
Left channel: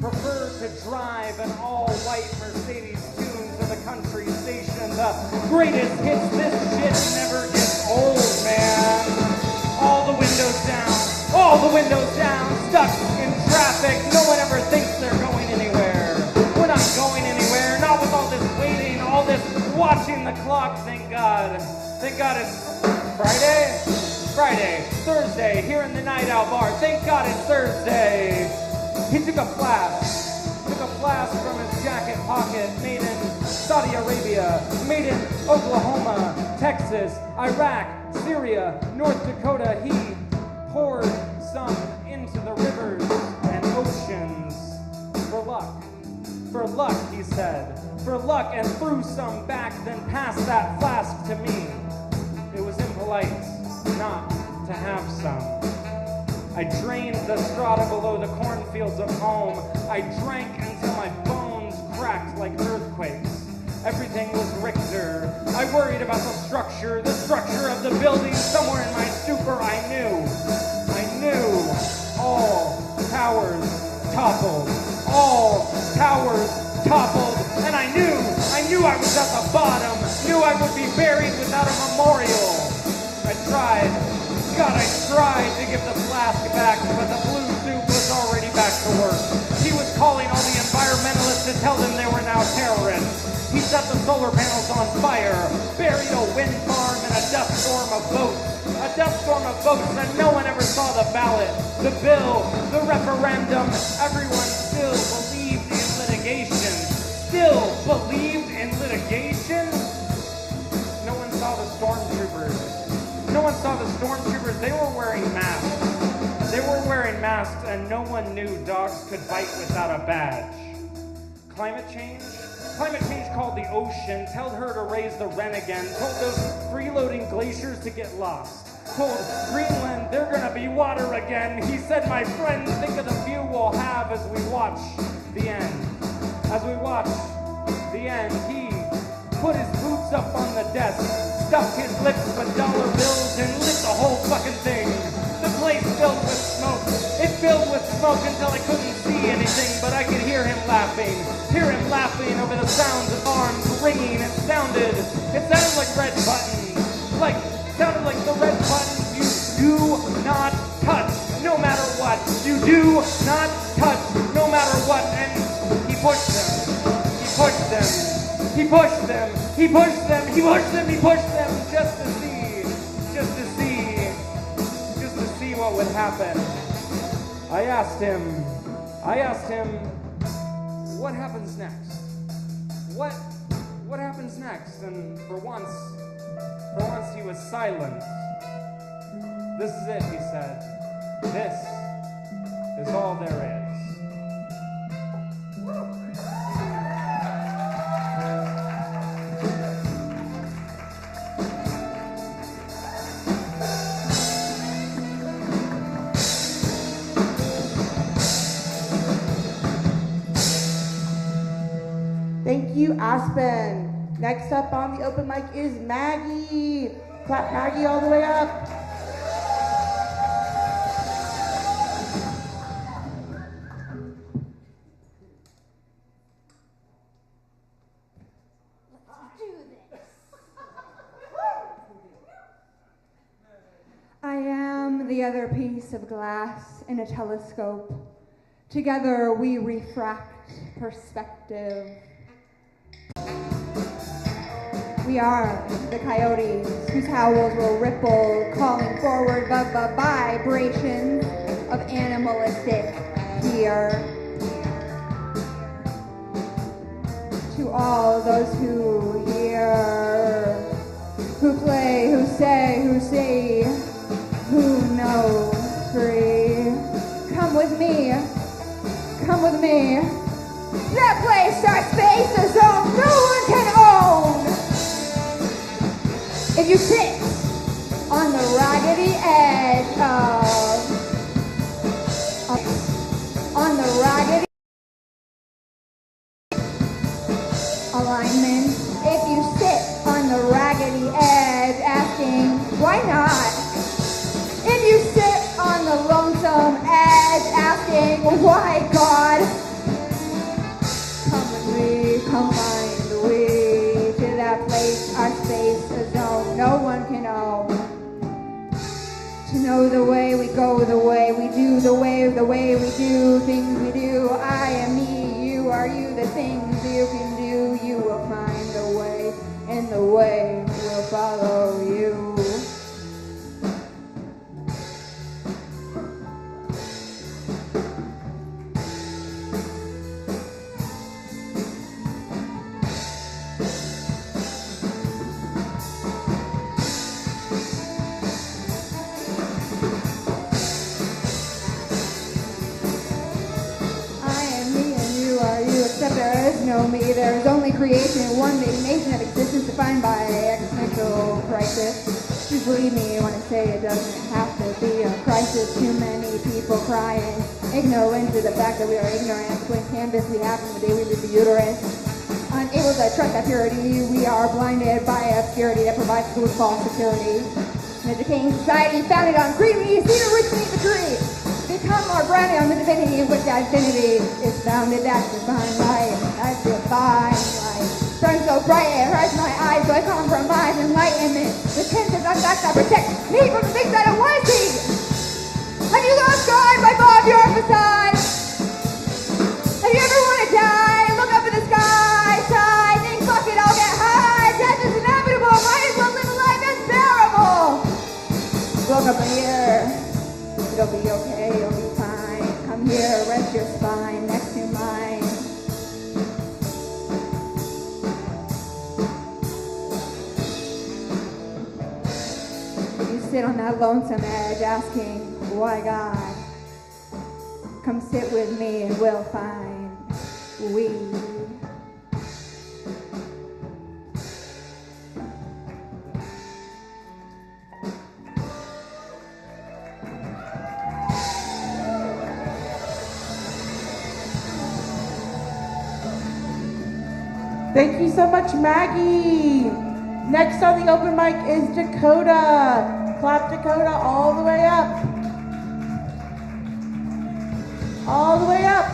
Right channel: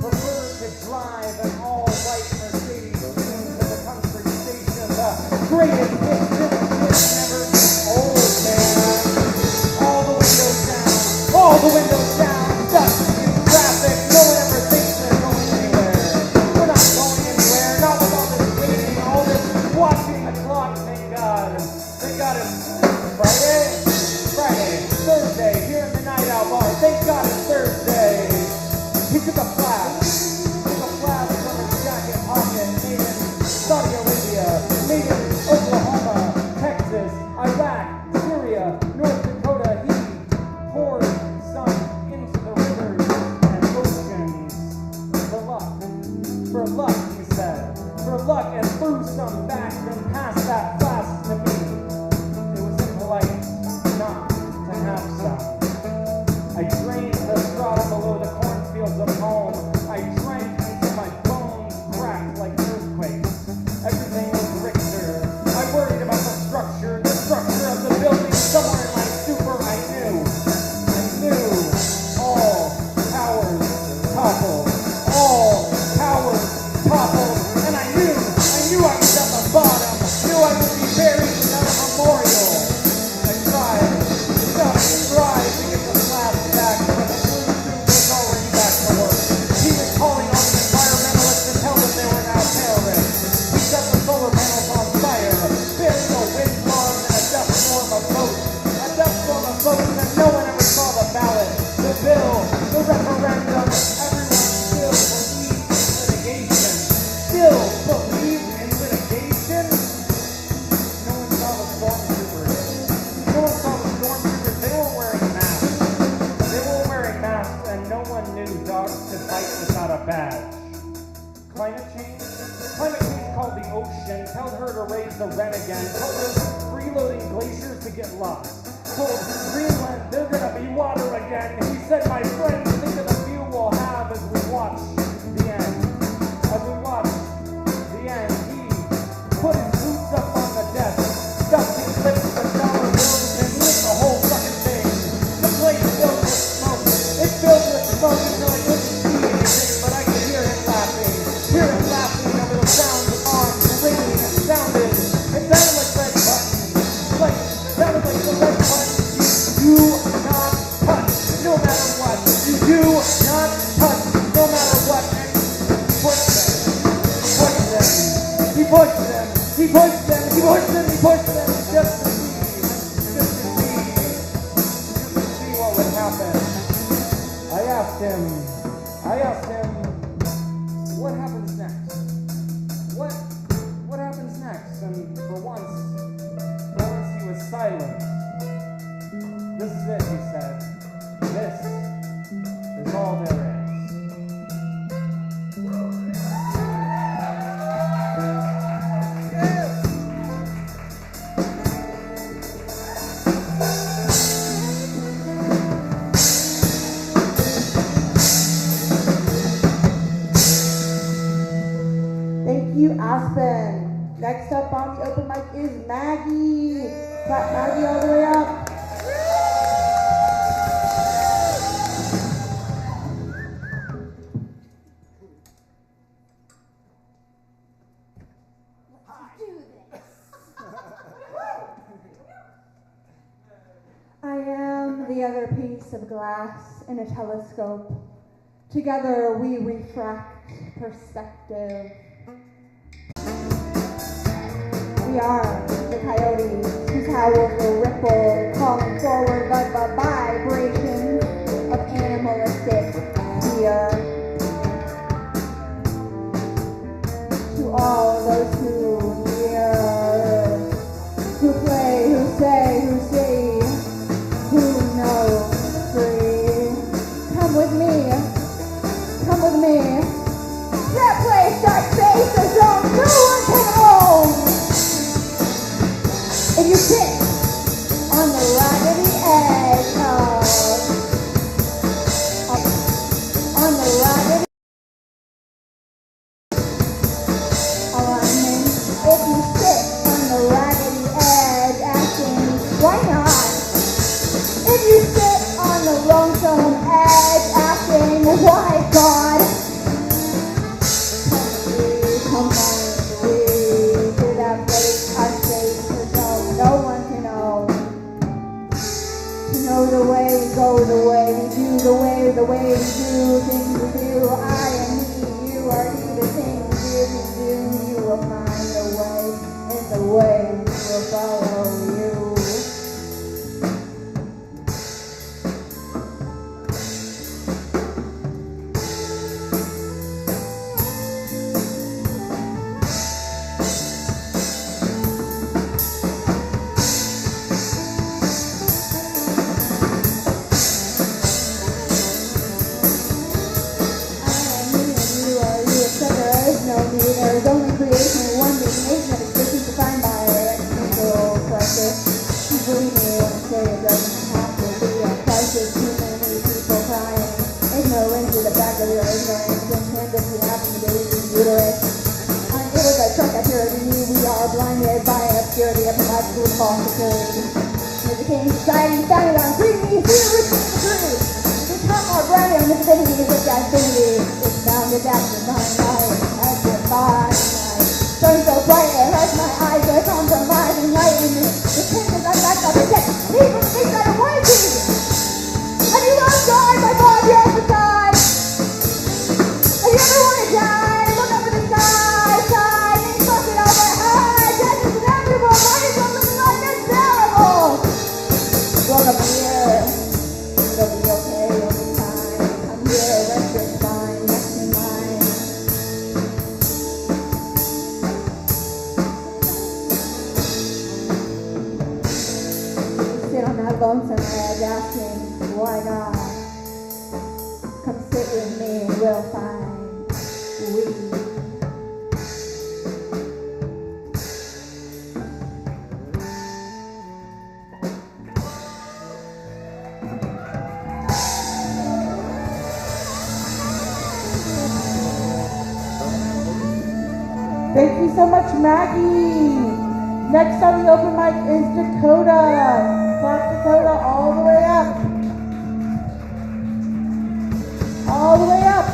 Prefer to drive an all-white Mercedes tuned to the country station. The greatest hits, this shit never gets old, man. All the windows down, stuck in traffic. No one ever thinks they're going anywhere. We're not going anywhere, not with all this waiting, all this watching the clock. Thank God it's Friday, Thursday, here in the night out bar. Thank God it's Thursday. He took a flask from his jacket pocket, made in Saudi Arabia, made in Oklahoma, Texas, Iraq, Syria, North Dakota. He poured some into the rivers and oceans for luck, he said, for luck, and threw some back, then passed that flask to me. It was impolite not to have some. I drained the strata below the cornfields of home. I drank until my bones cracked like earthquakes. Everything was Richter. I worried about the structure of the building. Somewhere in my stupor I knew all towers toppled. And I knew I was at the bottom. Knew I would be buried without a memorial. I tried to give the flask back, but the blue suit was already back to work. He was calling all the environmentalists to tell them they were now terrorists. He set the solar panels on fire, buried a wind farm and a dust storm of votes. A dust storm of votes that no one ever saw the ballot, the bill, the referendum. Everyone still believed in litigation. No one saw the stormtroopers. They were wearing masks, and no one knew dogs could bite without a badge. Climate change called the ocean, told her to raise the rent again, told us freeloading glaciers to get lost, told Greenland they're gonna be water again. He said, my friends, think of the view we'll have as we watch the end. He put his boots up on the desk, stuffed his lips with dollar bills, and lit the whole fucking thing. The place filled with smoke. It filled with smoke until I couldn't see anything, but I could hear him laughing over the sounds of arms ringing. It sounded like red buttons. Sounded like the red buttons you do not touch, no matter what. You do not touch, no matter what. And he pushed them just to see what would happen. I asked him, what happens next? What happens next? And for once he was silent. This is it, he said. This is all there is. Thank you, Aspen. Next up on the open mic is Maggie. Clap Maggie all the way up. I am the other piece of glass in a telescope. Together we refract perspective. We are the coyotes whose howls will ripple, calling forward the vibrations of animalistic fear. To all those who hear, who play, who say, who see, who know free, come with me take no into the fact that we are ignorant to canvas we have from the babies in the uterus. Unable to trust that purity, we are blinded by obscurity that provides school false facility. The decaying society founded on creamy, see which means the tree. Become more grounded on the divinity, which divinity is founded as divine light, as divine light. Turn so bright, it hurts my eyes, so I compromise enlightenment. The tensions of God that protect me from the things that I want to see. Have you lost God, my God, you're beside? If you ever want to die, look up at the sky, sigh, think, fuck it, I'll get high. Death is inevitable, might as well live a life that's terrible. Woke up here, you'll be okay, you'll be fine. Come here, rest your spine next to mine. You sit on that lonesome edge asking, why God? Come sit with me and we'll find we. Thank you so much, Maggie. Next on the open mic is Dakota. Clap Dakota all the way up. All the way up.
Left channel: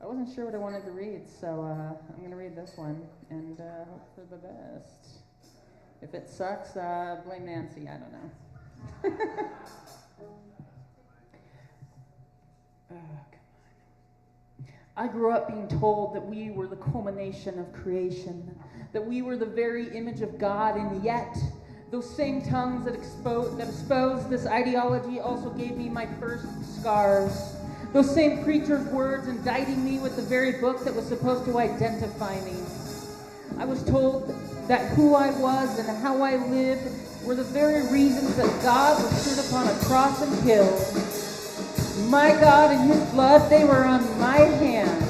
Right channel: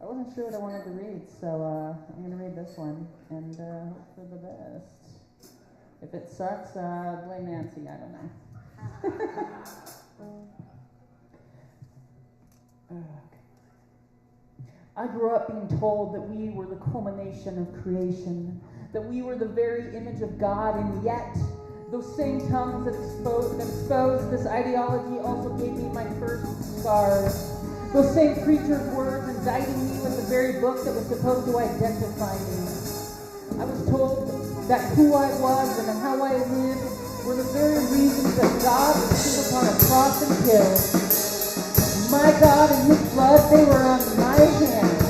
I wasn't sure what I wanted to read, so I'm going to read this one and hope for the best. If it sucks, blame Nancy. I don't know. I grew up being told that we were the culmination of creation, that we were the very image of God, and yet those same tongues that exposed this ideology also gave me my first scars. Those same preacher's words indicting me with the very book that was supposed to identify me. I was told that who I was and how I lived were the very reasons that God was stood upon a cross and killed. My God and His blood, they were on my hands.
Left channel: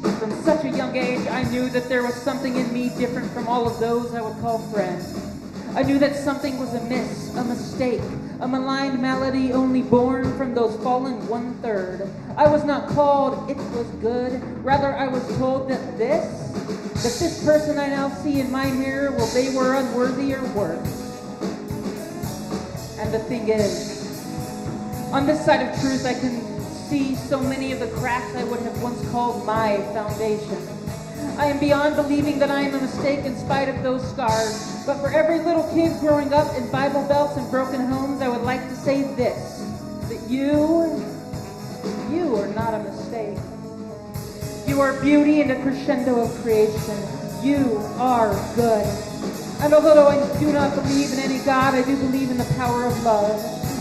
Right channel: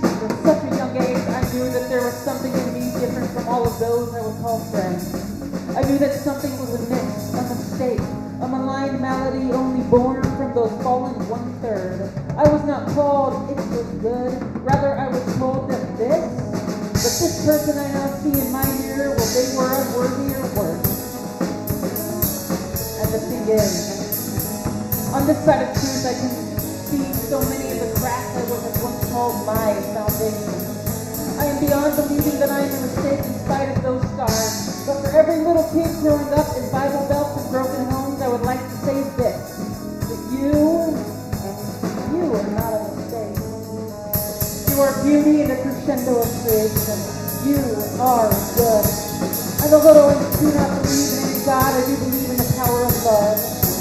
From such a young age, I knew that there was something in me different from all of those I would call friends. I knew that something was amiss, a mistake, a maligned malady only born from those fallen 1/3. I was not called it was good, rather I was told that this person I now see in my mirror, well, they were unworthy or worse. And the thing is, on this side of truth I can see so many of the cracks I would have once called my foundation. I am beyond believing that I am a mistake in spite of those scars. But for every little kid growing up in Bible belts and broken homes, I would like to say this, that you are not a mistake. You are beauty and a crescendo of creation. You are good. And although I do not believe in any God, I do believe in the power of love.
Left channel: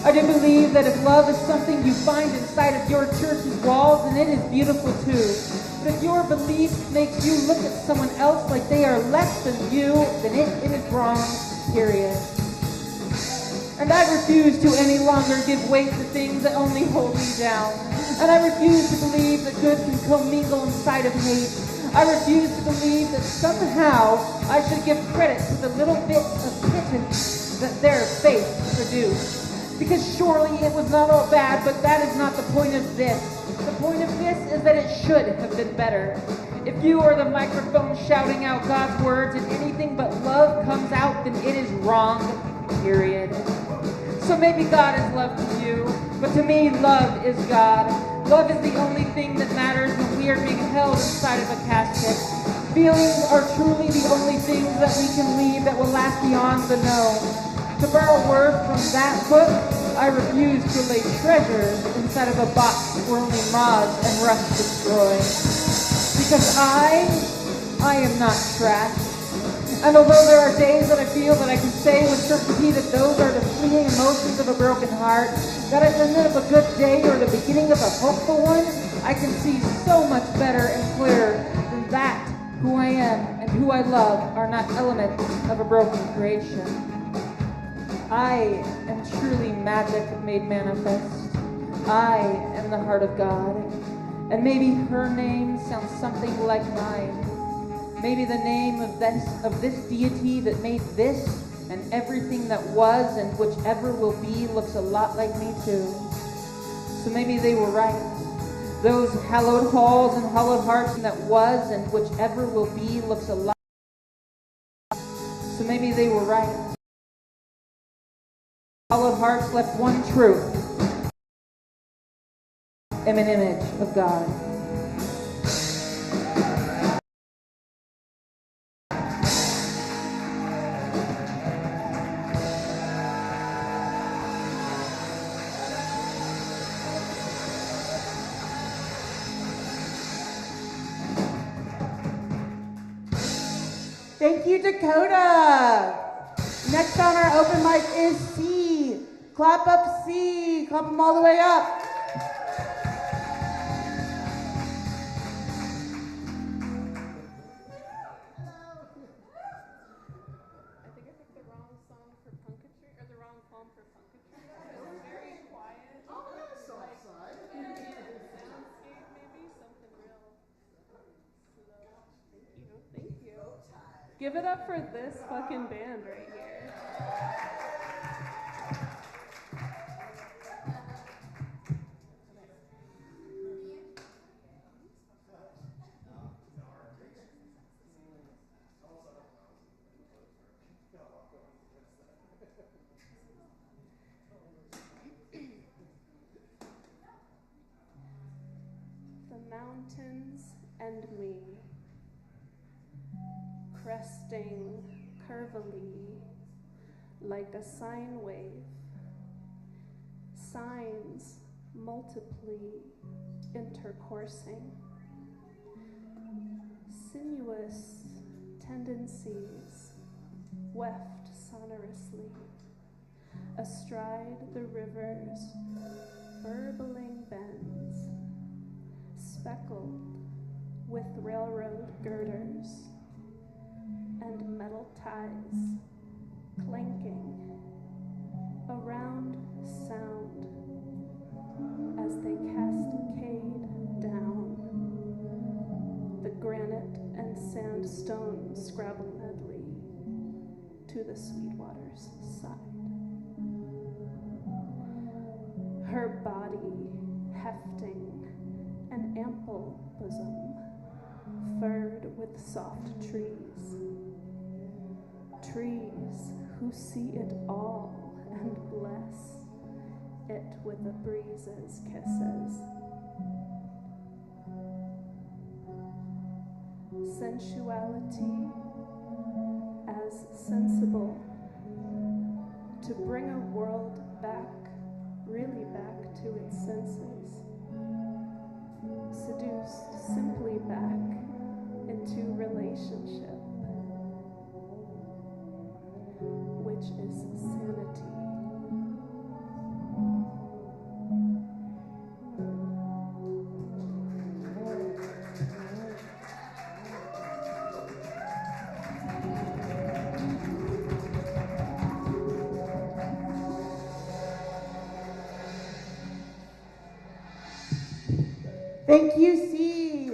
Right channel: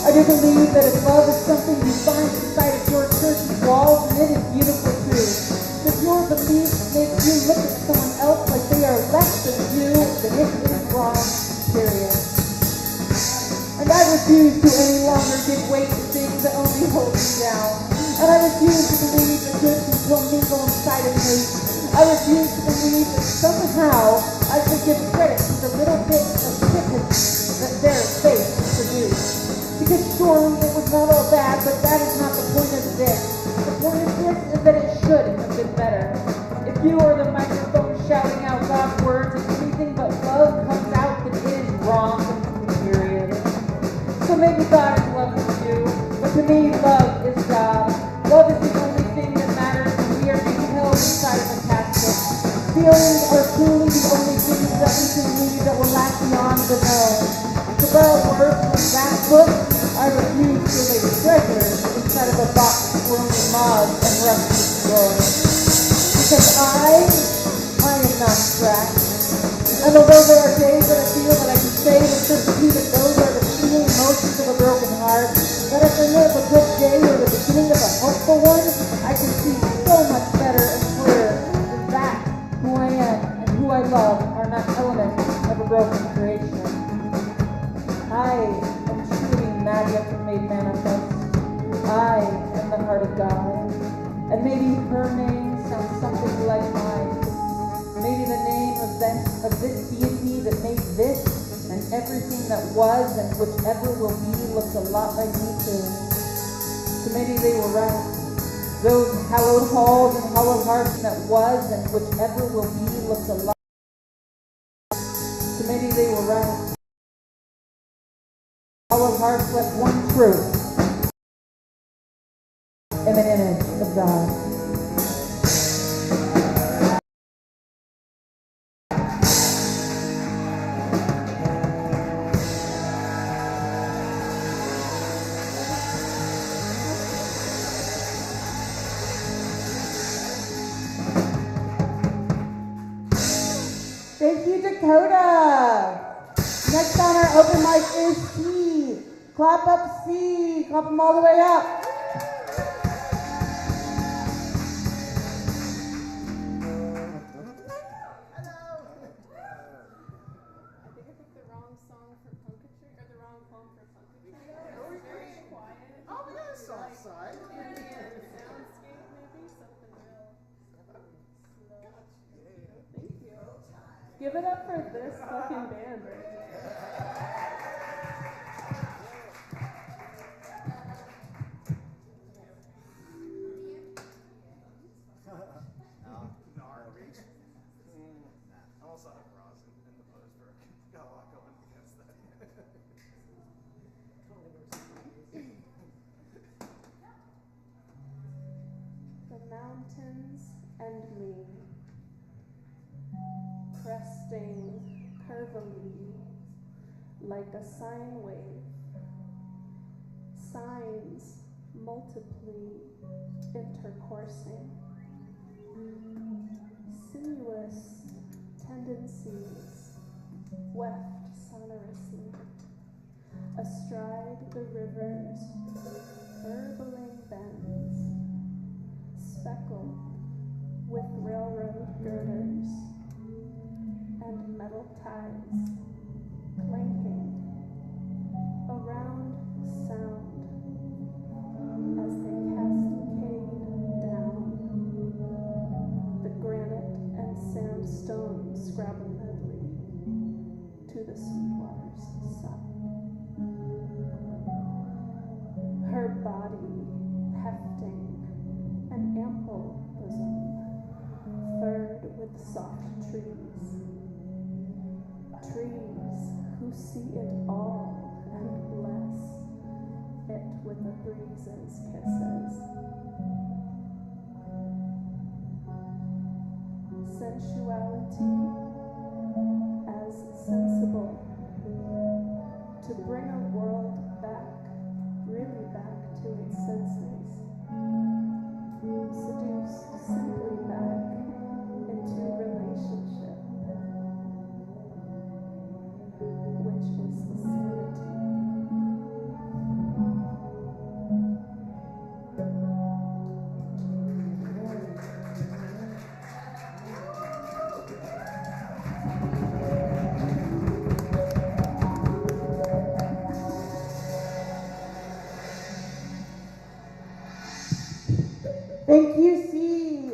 I do believe that if love is something you find inside of your church's walls, then it is beautiful too. If your belief makes you look at someone else like they are less than you, then it is wrong, period. And I refuse to any longer give weight to things that only hold me down. And I refuse to believe that good can commingle inside of hate. I refuse to believe that somehow I should give credit to the little bits of pittance that their faith produced. Because surely it was not all bad, but that is not the point of this. The point of this is that it should have been better. If you are the microphone shouting out God's words and anything but love comes out, then it is wrong, period. So maybe God is love to you, but to me, love is God. Love is the only thing that matters when we are being held inside of a casket. Feelings are truly the only things that we can leave that will last beyond the known. To borrow words from that book, I refuse to lay treasures inside of a box where only moths and rust destroy. Because I am not scratched. And although there are days that I feel that I can say with certainty that those are the fleeting emotions of a broken heart, that at the end of a good day or the beginning of a hopeful one, I can see so much better not element of a broken creation. I am truly magic made manifest. I am the heart of God. And maybe her name sounds something like mine. Maybe the name of this deity that made this and everything that was and whichever will be looks a lot like me too. So maybe they were right. Those hallowed halls and hallowed hearts that was and whichever will be looks a lot. So maybe they were right. Hallowed hearts left one truth. I'm an image of God. Thank you, Dakota. Next on our open mic is C. Clap up C. Clap them all the way up. Give it up for this fucking band right here. The mountains and me, cresting curvily like a sine wave, signs multiply intercoursing, sinuous tendencies weft sonorously, astride the river's burbling bends, speckled with railroad girders and metal ties clanking around sound as they cascade down the granite and sandstone scrabble medley to the Sweetwater's side. Her body hefting an ample bosom furred with soft trees, trees who see it all and bless it with the breeze's kisses. Sensuality as sensible to bring a world back, really back to its senses, seduced simply back into relationship, which is sanity. Thank you, C.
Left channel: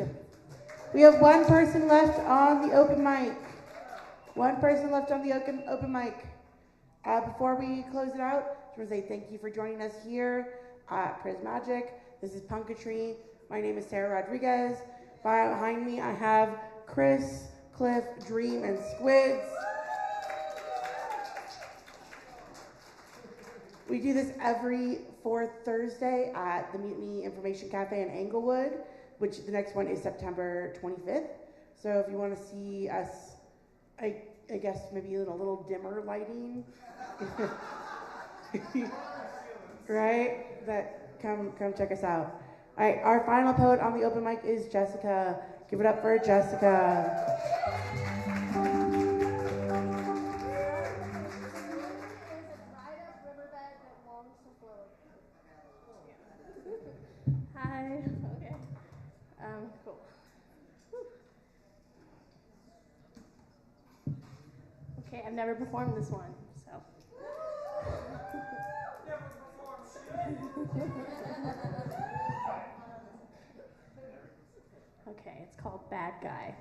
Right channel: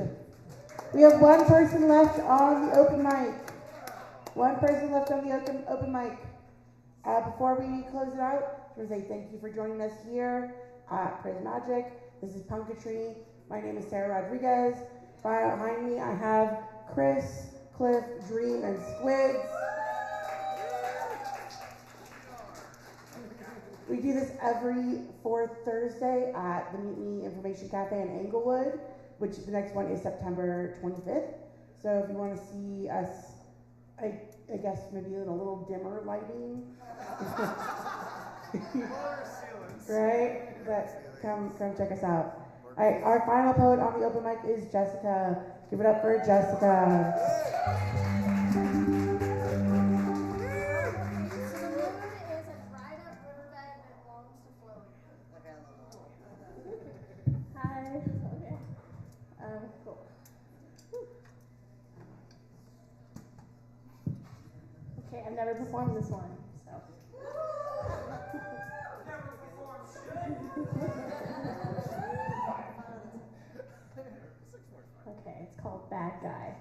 We have one person left on the open mic. One person left on the open mic. Before we close it out, I just want to say thank you for joining us here at Prism Magic. This is Punkatry. My name is Sarah Rodriguez. Behind me, I have Chris, Cliff, Dream, and Squids. We do this every fourth Thursday at the Mutiny Information Cafe in Englewood, which the next one is September 25th. So if you want to see us, I guess maybe in a little dimmer lighting, right? But come check us out. All right, our final poet on the open mic is Jessica. Give it up for Jessica. Hi. Okay. Cool. I've never performed this one, so. Okay, it's called Bad Guy.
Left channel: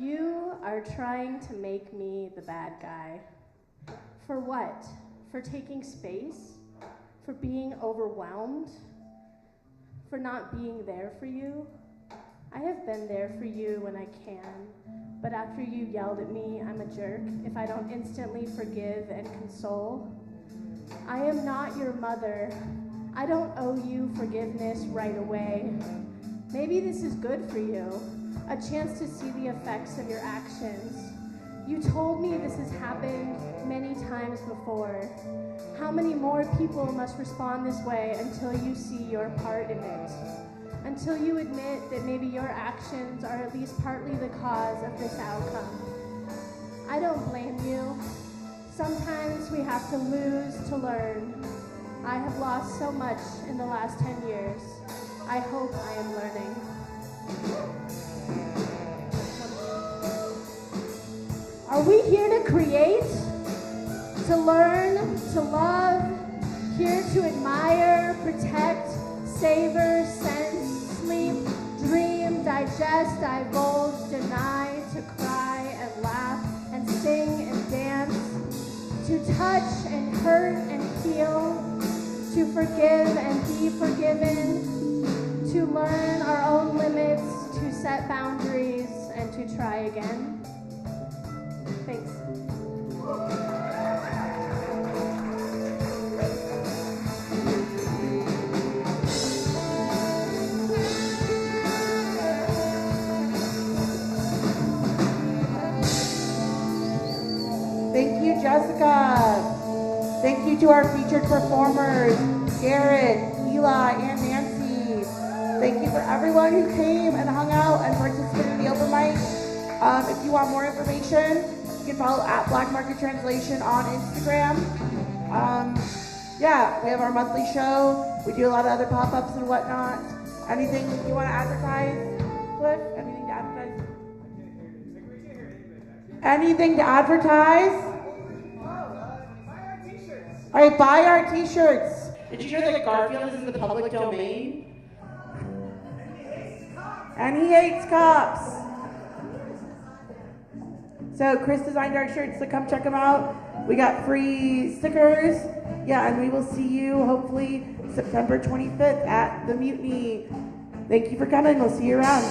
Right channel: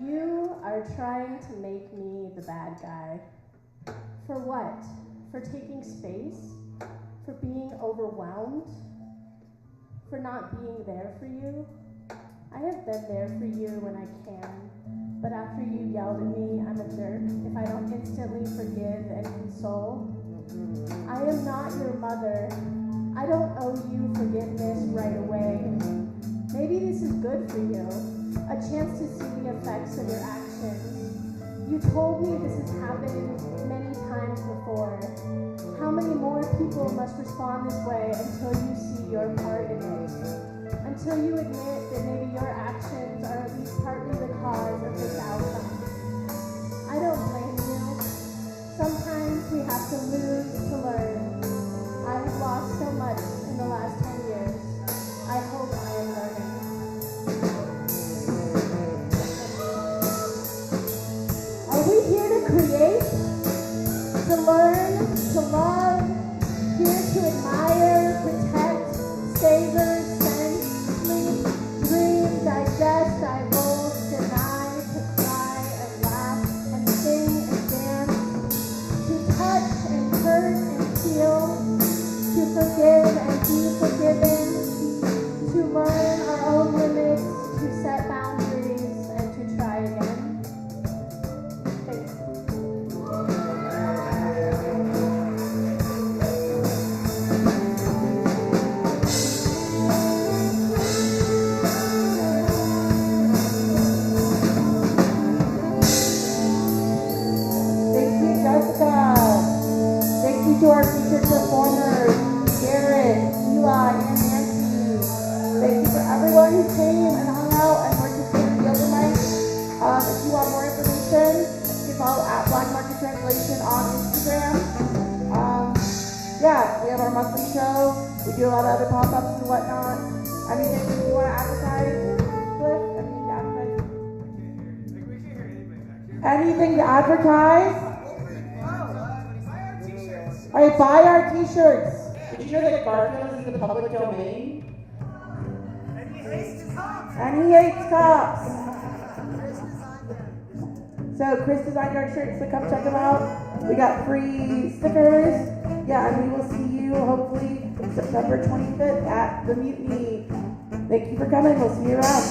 You are trying to make me the bad guy. For what? For taking space? For being overwhelmed? For not being there for you? I have been there for you when I can, but after you yelled at me, I'm a jerk if I don't instantly forgive and console. I am not your mother. I don't owe you forgiveness right away. Maybe this is good for you, a chance to see the effects of your actions. You told me this has happened many times before. How many more people must respond this way until you see your part in it? Until you admit that maybe your actions are at least partly the cause of this outcome. I don't blame you. Sometimes we have to lose to learn. I have lost so much in the last 10 years. I hope I am learning. Are we here to create? To learn? To love? Here to admire, protect, savor, sense, sleep, dream, digest, divulge, deny, to cry and laugh and sing and dance, to touch and hurt and heal, to forgive and be forgiven, to learn our own limits, to set boundaries, and to try again. Thanks. Thank you, Jessica. Thank you to our featured performers, Garrett, Eli, and Nancy. Thank you for everyone who came and hung out and participated in the open mic. If you want more information, you can follow at Black Market Translation on Instagram. Yeah, we have our monthly show. We do a lot of other pop-ups and whatnot. Anything you want to advertise? Cliff? Anything to advertise? Anything to advertise? All right, buy our t-shirts. Did you know that Garfield is in the public domain? And he hates cops. So Chris designed our shirts, so come check them out. We got free stickers. Yeah, and we will see you hopefully September 25th at the Mutiny. Thank you for coming. We'll see you around.